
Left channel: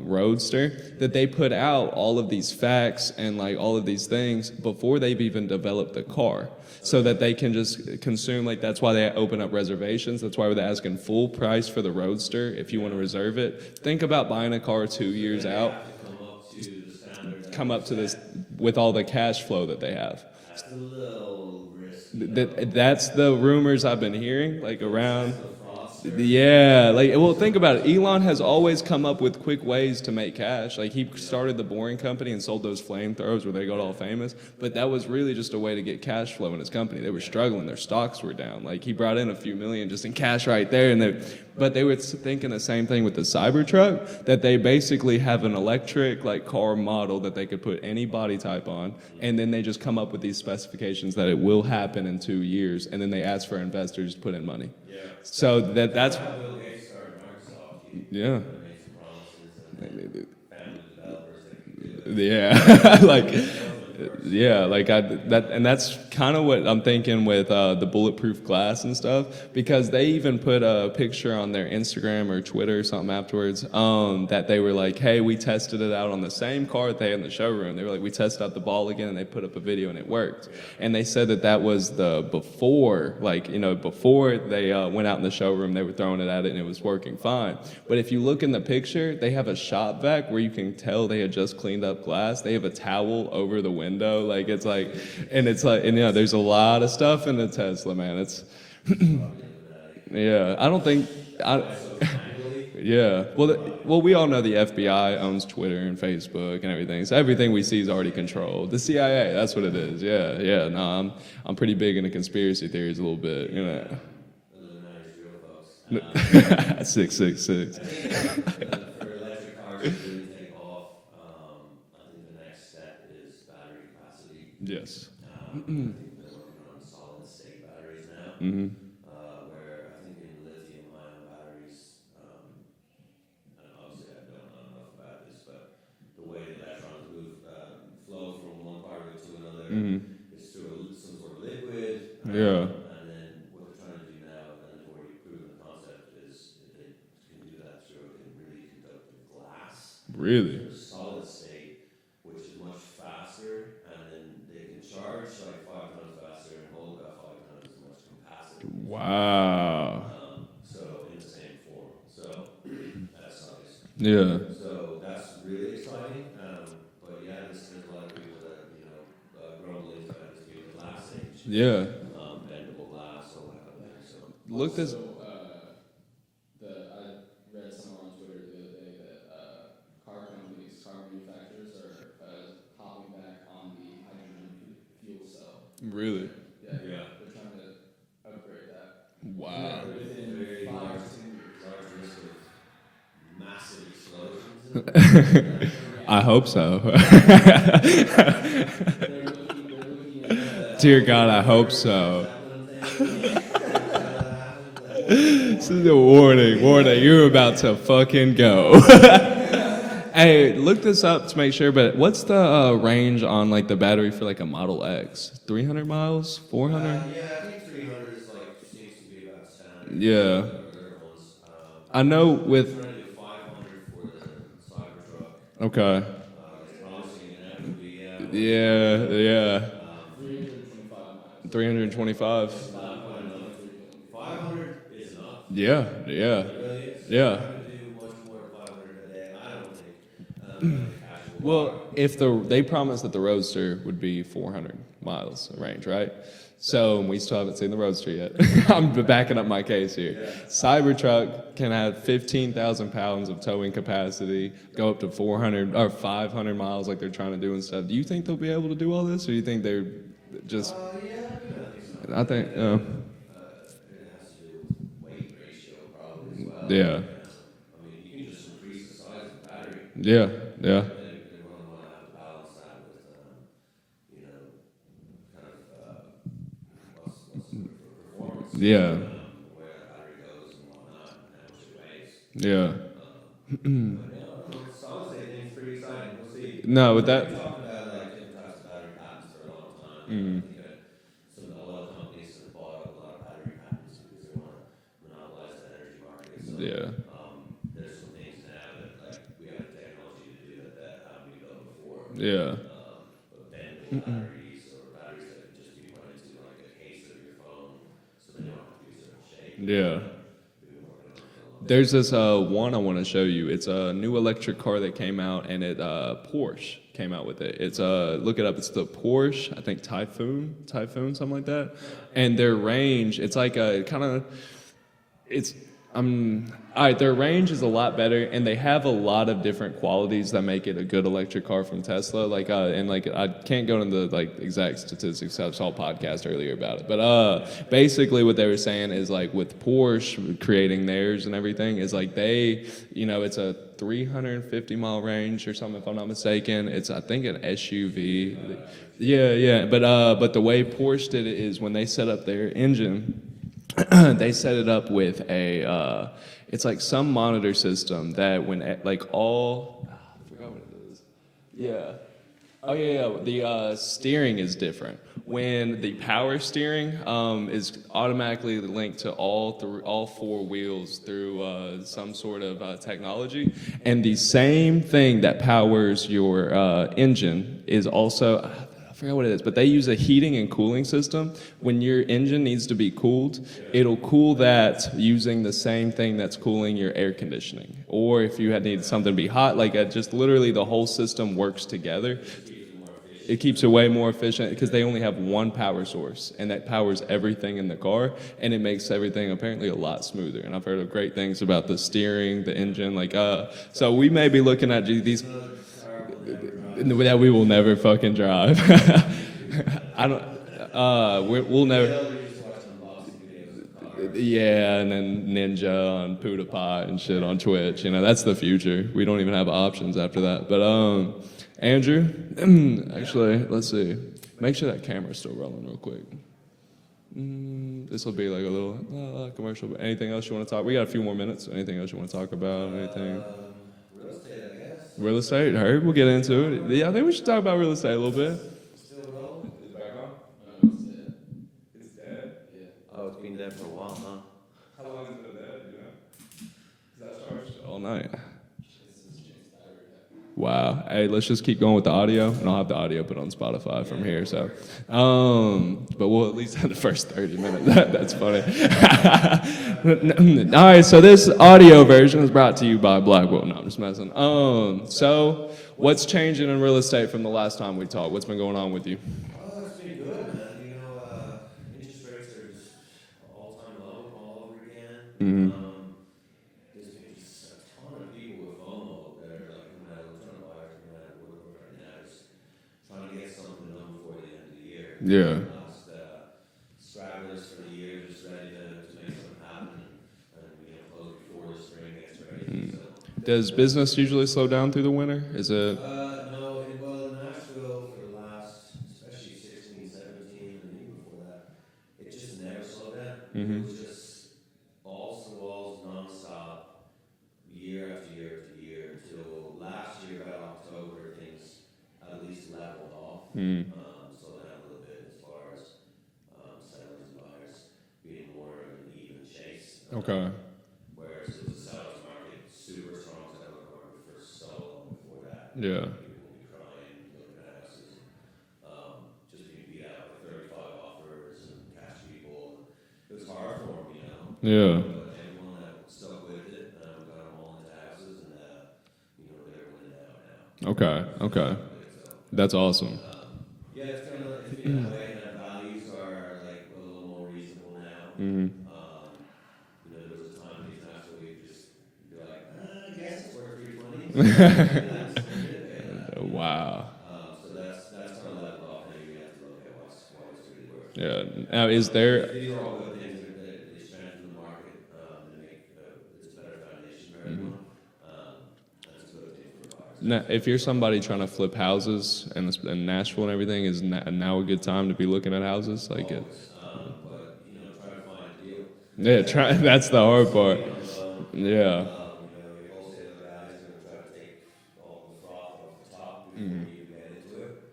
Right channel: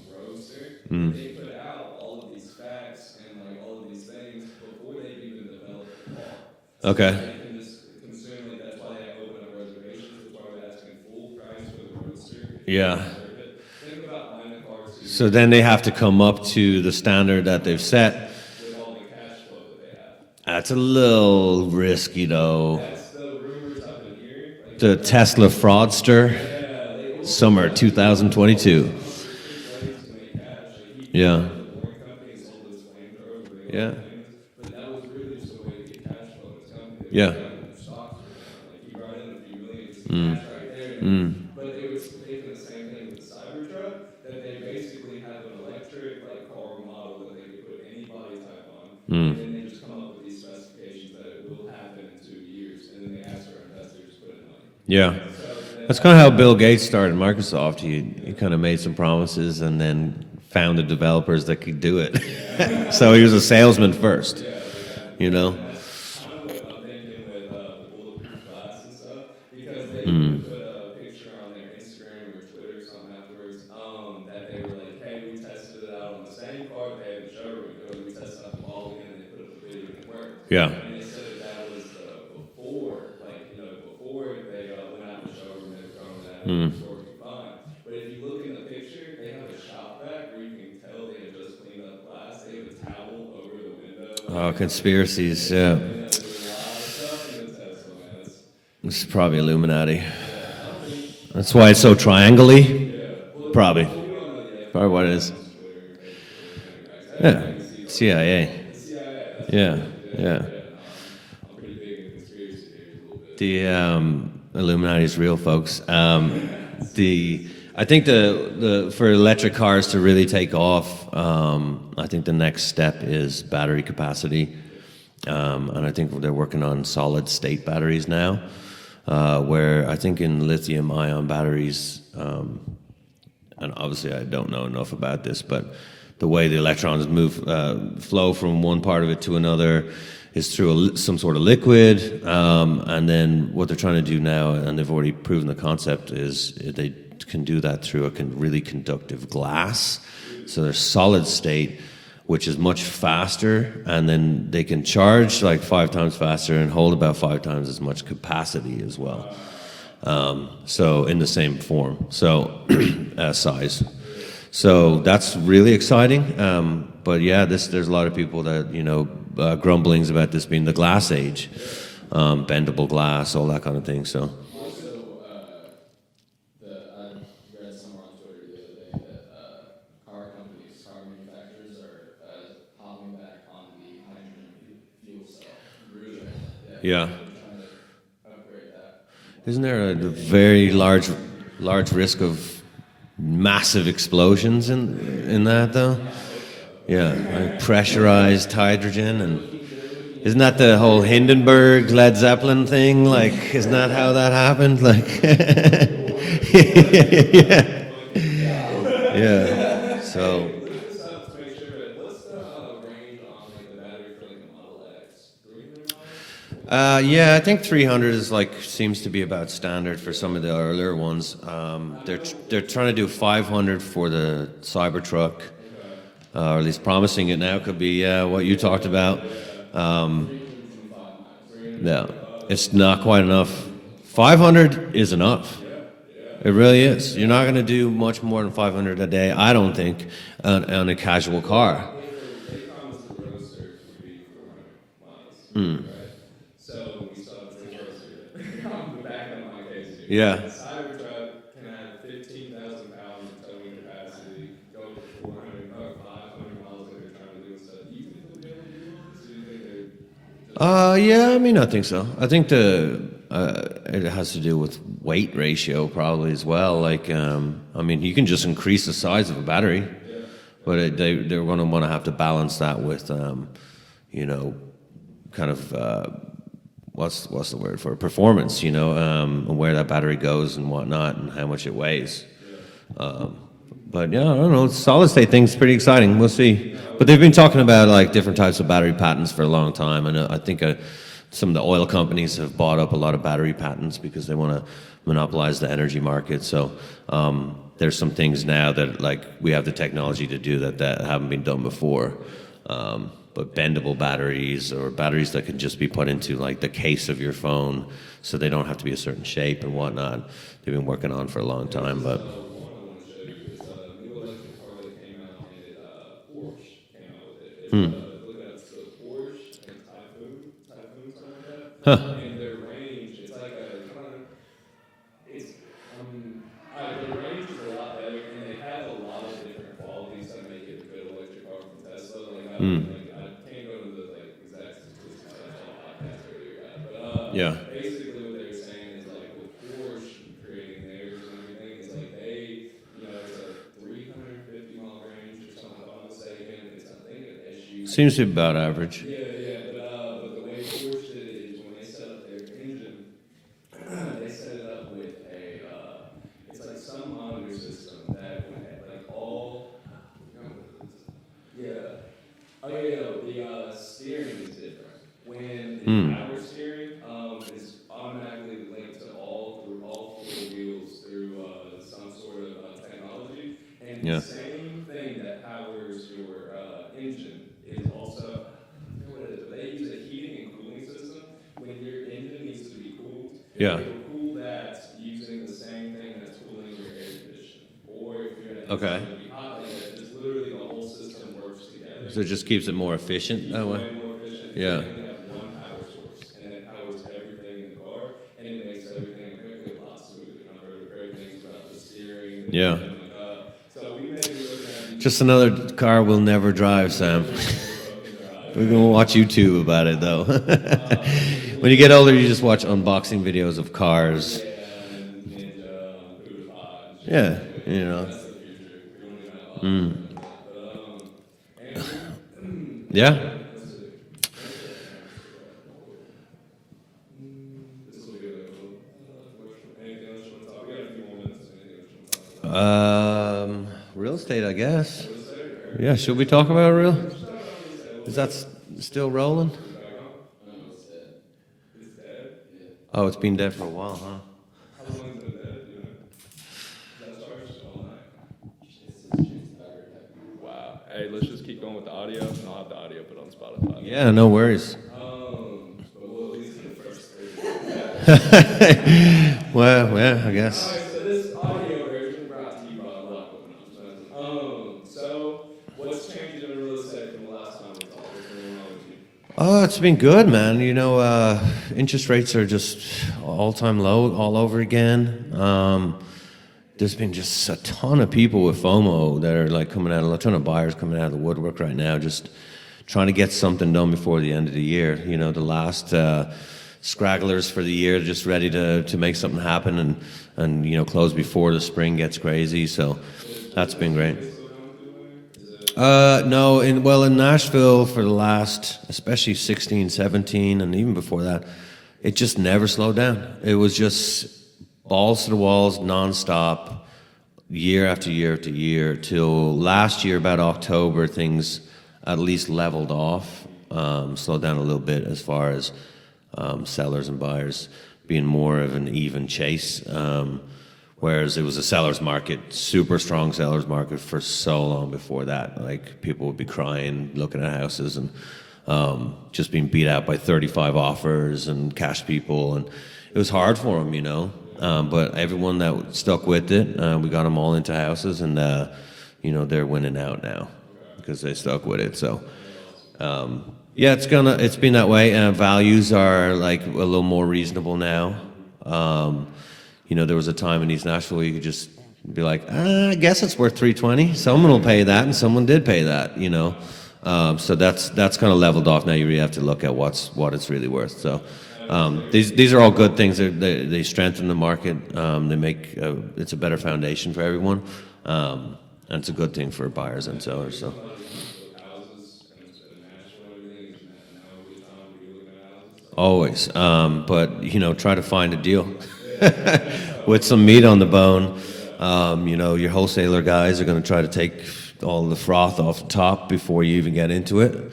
Roadster, that they put out all of these facts and like all of these things before they've even developed the car. So Okay. that they can just consume, like that's why they open up reservations. That's why they're asking full price for the Roadster if you Yeah. reserve it. Think about buying a car 2 So years then they out, have to come up to the standard that come they've up to set. this with all the cash flow that they have. That's a little risky, though. That's the rumors I've been hearing. Like The around. Tesla fraudster. Yeah, like well, Summer think about it. Elon has 2022. always come up with quick ways to make cash. Like he Yeah. started the Boring Company and sold those flamethrowers where they got Yeah. all famous. But that was really just a way to get cash flow in his company. They were Yeah. struggling; their stocks were down. Like he brought in a few million just Mm. in cash right there, and then. But they were thinking the same thing with the Cybertruck, that they basically have an electric like car model that they could put any body type on, Mm. and then they just come up with these specifications that it will happen in 2 years, and then they ask for investors to put in money. Yeah. So That's kind of how Bill Gates started Microsoft. He Yeah. kind of made some promises and then found the developers that could do it. yeah. So he was a salesman first. Yeah, know? and that's kind of what I'm thinking with the bulletproof glass and stuff, because they even put a picture on their Instagram or Twitter or something afterwards that they were like, hey, we tested it out on the same car that they had in the showroom. They were like, we tested out the ball again, and they put up a video and it worked. Yeah. And they said that was the before, before they went out in the showroom, they were throwing it at it and it was working fine. But if you look in the picture, they have a shop vac where you can tell they had just cleaned up glass. They have a towel over the window. It's conspiracies, and it's yeah. there's a lot of stuff in the Tesla, man. This is probably Illuminati. Yeah, I don't think. That's why it's so triangle-y. Yeah, well, Probably. Well, we all know the Probably what it FBI is. owns Twitter and Facebook and everything, so everything we see is already CIA. controlled. The CIA, that's what Yeah. it is. Yeah, Yeah. yeah. No, I'm pretty big into conspiracy theories a little bit. The Illuminati is real, folks. 666. I think the for electric cars to really take off, I think the next step is battery capacity. Yes. And I think they're working on solid state batteries now, where I think in lithium ion batteries, and obviously I don't know enough about this, but the way the electrons flow from one part of it to another is through some sort of liquid. And then what they're trying to do now, and they've already proven the concept, is they can do that through a really conductive glass. Really? So they're solid state, which is much faster, and then they can charge like 5 times faster and hold about 5 times as much capacity as well. Wow. So in the same form, so size. Yeah. So that's really exciting. But yeah, there's a lot of people that grumblings about this being the glass age. Yeah. Bendable glass, all that kind of thing. So Look this. I read somewhere on Twitter the other day that car manufacturers are hopping back on the hydrogen fuel cell. Really. yeah. They're trying to upgrade that. Isn't there a very large risk of massive explosions in that though? I hope so. Pressurized hydrogen, and isn't that the whole Dear God, I hope Hindenburg so. Led Zeppelin thing? Like, isn't that how that happened? Like, warning, you're about to fucking go. yeah. Hey, look this up to make sure, but what's the range on like the battery for like a Model X? 300 miles? 400? Yeah, I think 300 is seems to be about standard for some of Yeah. the earlier ones. I know they're with- trying to do 500 for the Cybertruck, Okay. or at least promising it now. Could be what you talked about. Yeah. 325 miles. 325. It's not quite enough. 500 is enough. Yeah, yeah. It really is. Yeah. You're not going to do much more than 500 a day, I don't think, on a casual car. If they promised that the Roadster would be 400 miles range, right? So we still haven't seen the Roadster yet. I'm backing up my case here. Yeah. Cybertruck can have 15,000 pounds of towing capacity, go up to 400 or 500 miles like they're trying to do and stuff. Do you think they'll be able to do all this, or do you think they're just? Yeah, I mean, I think so. I think it has to do with weight ratio probably as well. Yeah. I mean, you can just increase the size of a battery, Yeah. but they're going to want to have to balance that with, kind of what's the word for it? Performance. You Yeah. know, and where that battery goes and whatnot, and how much it weighs. Yeah. But yeah, I don't know. Solid state thing's pretty exciting. We'll see. No, but they've been talking about like different types of battery patents for a long time, and I think some of the oil companies have bought up a lot of battery patents because they want to monopolize the energy market. So there's some things now that like we have the technology to do that haven't been done before. Yeah. But bendable batteries or batteries that can just be put into like the case of your phone, so they don't have to be a certain shape and Yeah. whatnot. They've been working on for a long There's time. this but- one I want to show you. It's a new electric car that came out, and Porsche came out with it. It's look it up. It's the Porsche, I think Typhoon, something like that. And their range, it's like a kind of, it's All right, their range is a lot better, and they have a lot of different qualities that make it a good electric car from Tesla. Like, and like I can't go into the like exact statistics. I saw a podcast earlier about it, but Yeah. basically what they were saying is like with Porsche creating theirs and everything is like they, it's a 350-mile range or something if I'm not mistaken. It's I think an SUV. Seems to be about average. Yeah, but the way Porsche did it is when they set up their engine, they set it up with a it's like some monitor system that when like all I forgot what it is. The steering is different. When the power steering is automatically linked to all four wheels through some sort of technology, and the same thing that powers your engine is also. I forgot what it is, but they use a heating and cooling system. When your engine needs to be cooled, it'll cool that using the same thing that's cooling your air conditioning. Or if you had need something to be hot, like just literally the whole system works together. So it just keeps it more efficient. It keeps that it way? way more efficient because they only have one power source, and that powers everything in the car, and it makes everything apparently a lot smoother. And I've heard of great things about the steering, the engine, so we may be looking at these. Just another car we'll never drive. that Sam. we will never fucking drive. We'll watch YouTube about it though. When you get older, you just watch unboxing videos of cars. Yeah, and then Ninja on PewDiePie and shit Yeah, on Twitch. yeah. That's the future. We don't even have options after that. But Andrew, Yeah? actually, let's see. Make sure that camera's still rolling real quick. This will be like a little commercial. But anything else you want to talk? We got a few more minutes. Anything else you want to talk about? Real estate, I guess. Real estate. Heard. Yeah, We'll get should we into talk it. about Yeah, real- I think we should talk about real estate a little Is bit. that still rolling? It's dead. Oh, it's been dead for a while, huh? How long has it been dead? Do you know? That starts all night. Wow. Hey, let's just keep going with the audio, and I'll have the audio put on Spotify. from Yeah, here, no so- worries. But we'll at least have the first 30 minutes. That's fine. Well, yeah, I guess. All right, so this audio version is brought to you by Blackwell. No, I'm just messing. So what's changing in real estate from the last time we talked? What's been going on with you? Oh, it's been good, man. Interest rates are just all-time low all over again. There's been just a ton of people with FOMO that are like coming out, a ton of buyers coming out of the woodwork right now, just trying to get something done before the end of the year. You know, the last scragglers for the year, just ready to make something happen and close before the spring gets crazy. So Does that's business been great. usually slow down through the winter? Is it? No, in Nashville for the last, especially 16, 17, and even before that, it just never slowed down. It was just balls to the walls, nonstop, year after year after year, till last year, about October, things at least leveled off, slowed down a little bit as far as sellers and buyers being more of an even chase. Whereas it was a seller's market, super strong seller's market for so long before that. Like people would be crying, looking at houses and just being beat out by 35 offers and cash people, and it was hard for them, but everyone that stuck with it, we got them all into houses, and they're winning out now. Okay, because they okay. stuck with it. So That's awesome. yeah, it's been that way. Values are like a little more reasonable now. There was a time in East Nashville where you could just be like, I guess it's worth $320. Someone will pay that, and someone did pay that. So that's kind of leveled off now. You really have to look at what it's really worth. So Is there? these are all good things. They strengthen the market. They make it's a better foundation for everyone. And it's a good thing for buyers Now, and sellers. if you're so. somebody trying to flip houses in Nashville and everything, is now a good time to be looking at houses? Like, Always, but try to find a deal Yeah, that's the hard with some part. meat on the bone. Yeah. Your wholesaler guys are going to try to take all the froth off the top before you even get into it.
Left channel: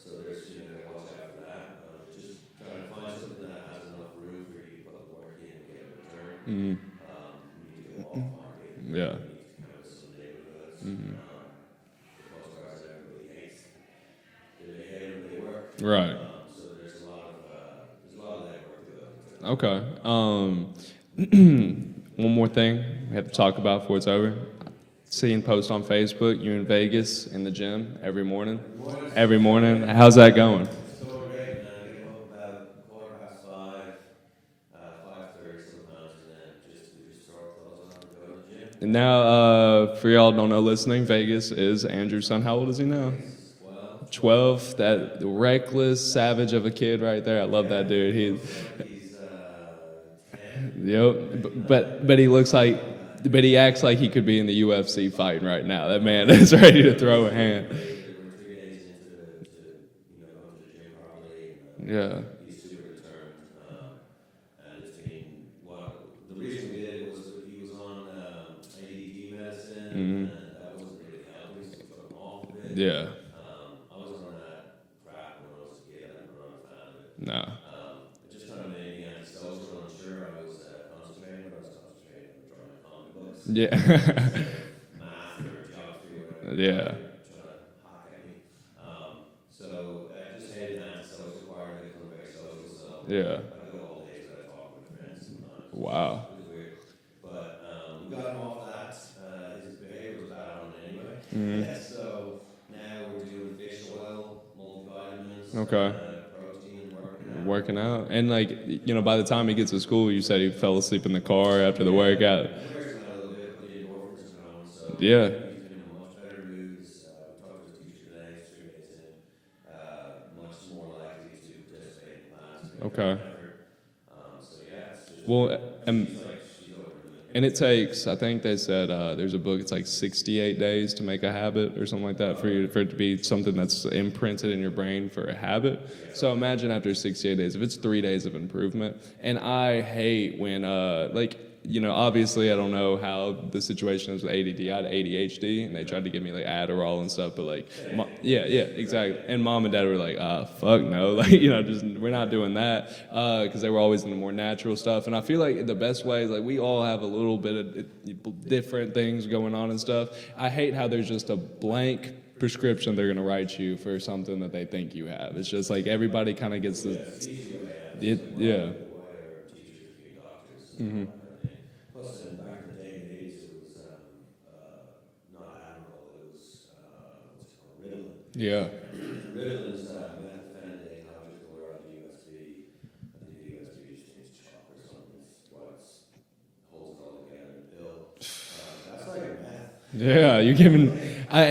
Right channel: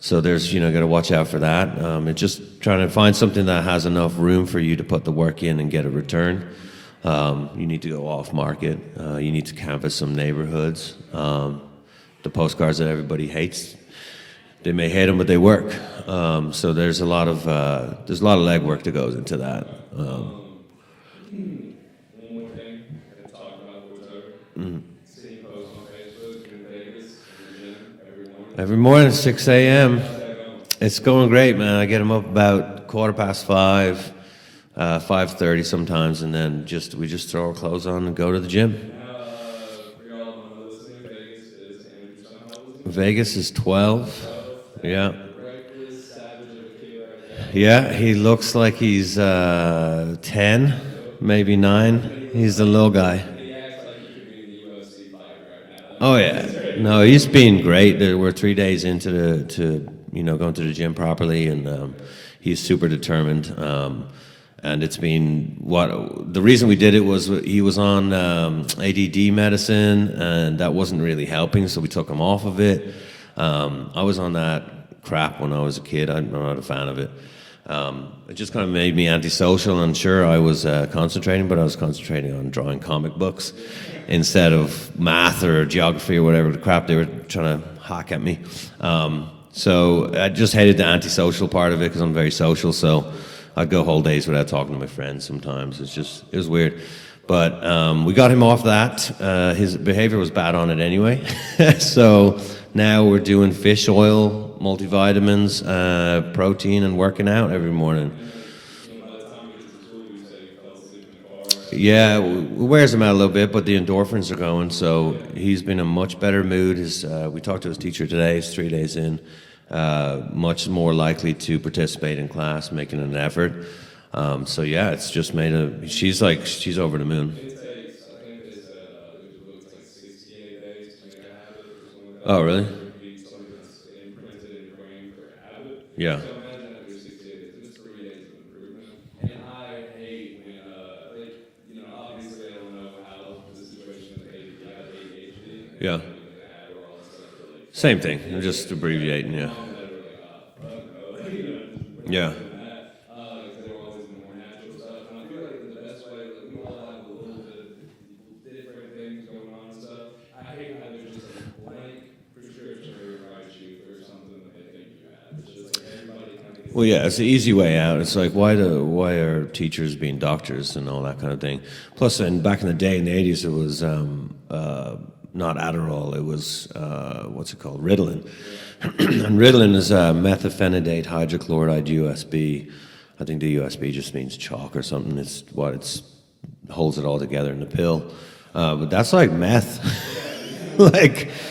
So there's got to watch out for that. It's just trying to find something that has enough room for you to put the work in and get a return. You need to go off market. You need to canvas some neighborhoods. The postcards that everybody hates, they may hate them, but they work. Right. So there's a lot of legwork that goes into that. Okay. One more thing we have to talk about before it's over. Seeing posts on Facebook, you in Vegas in the gym every morning. Every morning, Every 6 morning. a.m. How's that going? It's going great, man. I get them up about 5:15. 5:30 sometimes, and then we just throw our clothes on and go to the gym. And now, for y'all don't know listening, Vegas is Andrew's son. How old is he now? Vegas is 12. 12. That Yeah. reckless savage of a kid right there. I love Yeah, that dude. he looks like he's 10, Yep. maybe 9. But he looks he's like a little guy. But he acts like he could be in the UFC fighting right now. That Oh man yeah, is ready to no, throw he's it. been great. We're 3 days into going to the gym properly, and Yeah. he's super determined. And it's been the reason we did it was he was on ADD medicine, and that wasn't really helping, so we took him off of it. Yeah. I was on that crap when I was a kid. I'm not a fan of it. No. It just kind of made me antisocial, and sure, I was concentrating, but I was concentrating on drawing comic books Yeah. instead of math or geography or whatever the crap Yeah. they were trying to hack at me. So I just hated the antisocial part of it because I'm very social. So Yeah. I'd go whole days without talking to my friends sometimes. Wow. It was weird. But we got him off that. His behavior was bad on it anyway. So now we're doing fish oil, multivitamins, protein, and working out every morning. And like, by the time he gets to school, you said he fell asleep in the car after Yeah, the workout. it wears him out a little bit, but the endorphins are going, so Yeah. he's been in a much better mood. We talked to his teacher today, he's 3 days in, much more likely to participate in class, making Okay. an effort. So yeah, it's just Well, she's over the moon. And it takes, I think they said, there's a book, it's like 68 days to make a habit or something like that. Oh, really? For it to be something that's imprinted in your brain for a habit. Yeah. So imagine after 68 days, if it's 3 days of improvement. And I hate when, obviously I don't know how the situation is with ADD. I had ADHD, and they Yeah. tried to give me like Adderall and stuff, but like Same thing, Yeah, just yeah, abbreviating, exactly. And yeah. mom and dad were like, fuck no, like we're Yeah. not doing that, because they were always in the more natural stuff. And I feel like the best way, like we all have a little bit of different things going on and stuff. I hate how there's just a blank prescription they're gonna write you for something that they think you have. It's just like everybody kind of gets. Well, yeah, it's the easy way out. It's like why are teachers being doctors and all that kind of thing? Plus, back in the day in the 80s, it was not Adderall. It was what's it called, Ritalin. Yeah. And Ritalin is methylphenidate hydrochloride USB. I think the USB just means chalk or something. It's holds it all together in the pill. But that's like meth. Yeah, you give me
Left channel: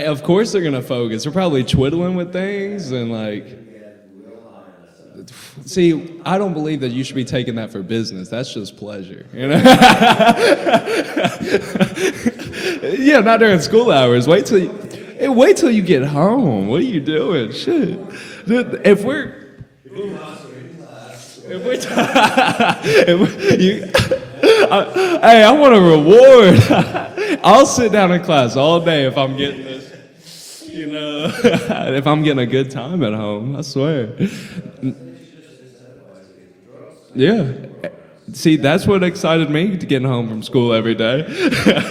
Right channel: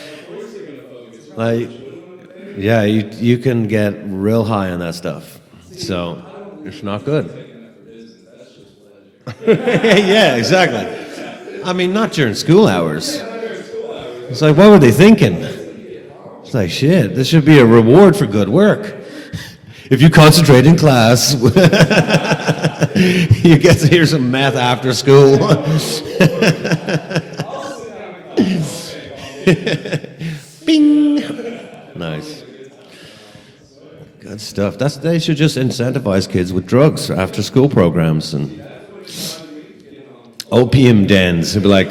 of course they're gonna focus. They're probably twiddling with things. Yeah, and, you can get real high on that stuff. See, So, I don't believe it's that not you should be good. taking that for business. That's just pleasure. Yeah, exactly. I mean, not during school hours. Yeah, not during school hours. Wait It's like, till what were they thinking? Wait till you get home. It's like, What shit, you this doing? should be a reward for good work. If we're If you concentrate in class, you get to hear some math after school. Hey, I want a reward. I'll sit down in class all day if I'm getting if I'm getting a good time at home. I swear. Stuff. They should just incentivize kids with drugs after school programs. And See, that's what excited me to getting home from school. opium every day. dens. They'd be like,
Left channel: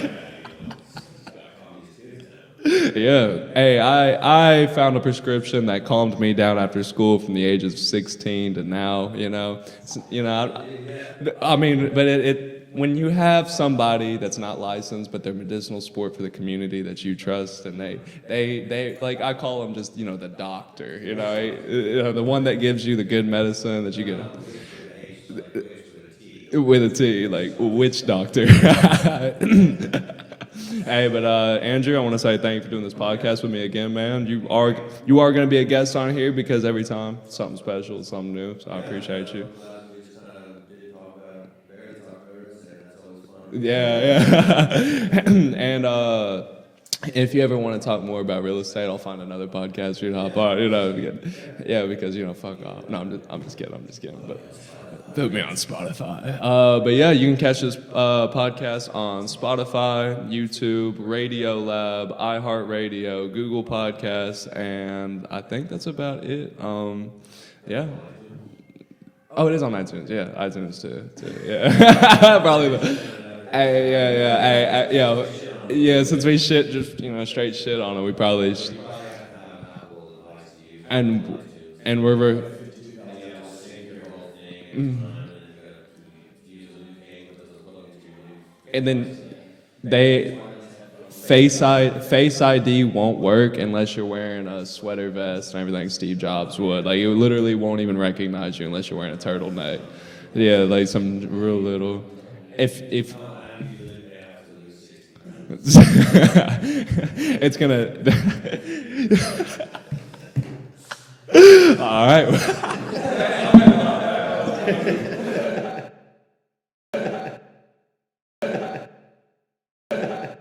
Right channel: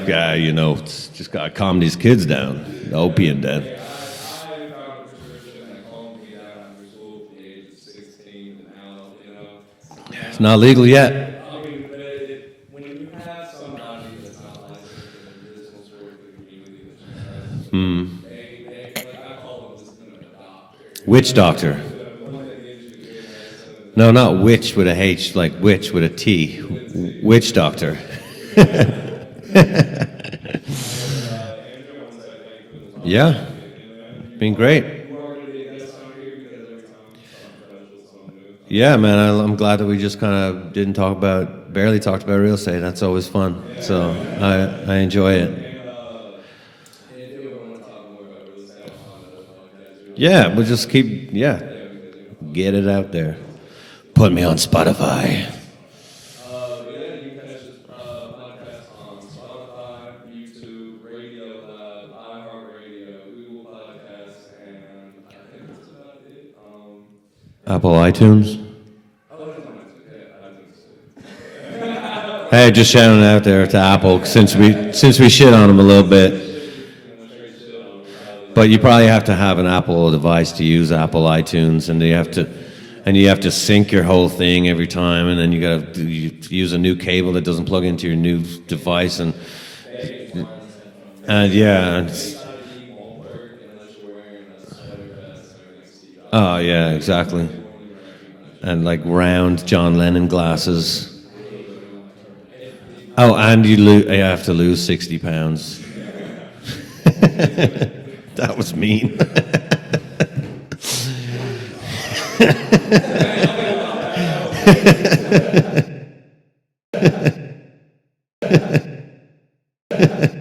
just gotta calm these kids down. Opium den. Hey, I found a prescription that calmed me down after school from the age of 16 to now. It's not legal yet. I mean, but it when you have somebody that's not licensed, but they're medicinal support for the community that you trust, and they like I call them just the doctor. Witch doctor. The one that gives you the good medicine. That No, not witch with a H, like witch with a T. with a T. Witch like, doctor. Witch doctor. Hey, but Andrew, I want to say thank you for doing this podcast Yeah. with me again, man. Been great. You are going to be a guest on here because every time something special, something new. So Yeah, man, I'm glad that we just kind of barely talked about real estate. That's always fun. Yeah, So yeah. I enjoy it. And if you ever want to talk more about real estate, I'll find another podcast. Yeah, we'll just keep, Yeah, because fuck Get it. it out there. I'm just kidding. Put me on Spotify. on Spotify. But yeah, you can catch this podcast on Spotify, YouTube, Radio Lab, iHeartRadio, Google Podcasts, and I think that's about it. Apple iTunes. Oh, it is on iTunes. Yeah, iTunes too. Yeah. Hey, just shouting out there to Yeah, Apple yeah, since we shit on them a little Since we bit. shit, just straight shit on it. We probably. But you probably have to have an Apple device to use Apple iTunes, and you have to sync your whole thing every time, and then you got to use a new cable that doesn't plug into your new device, and They Face ID won't work unless you're wearing a sweater vest and everything Steve Jobs wore. yeah, like, exactly. It literally won't even recognize you. and unless like you're wearing a round turtleneck. John Lennon glasses. Yeah, like some real little. If Oh, and you have to lose 60 pounds. it's gonna. That was mean. All right.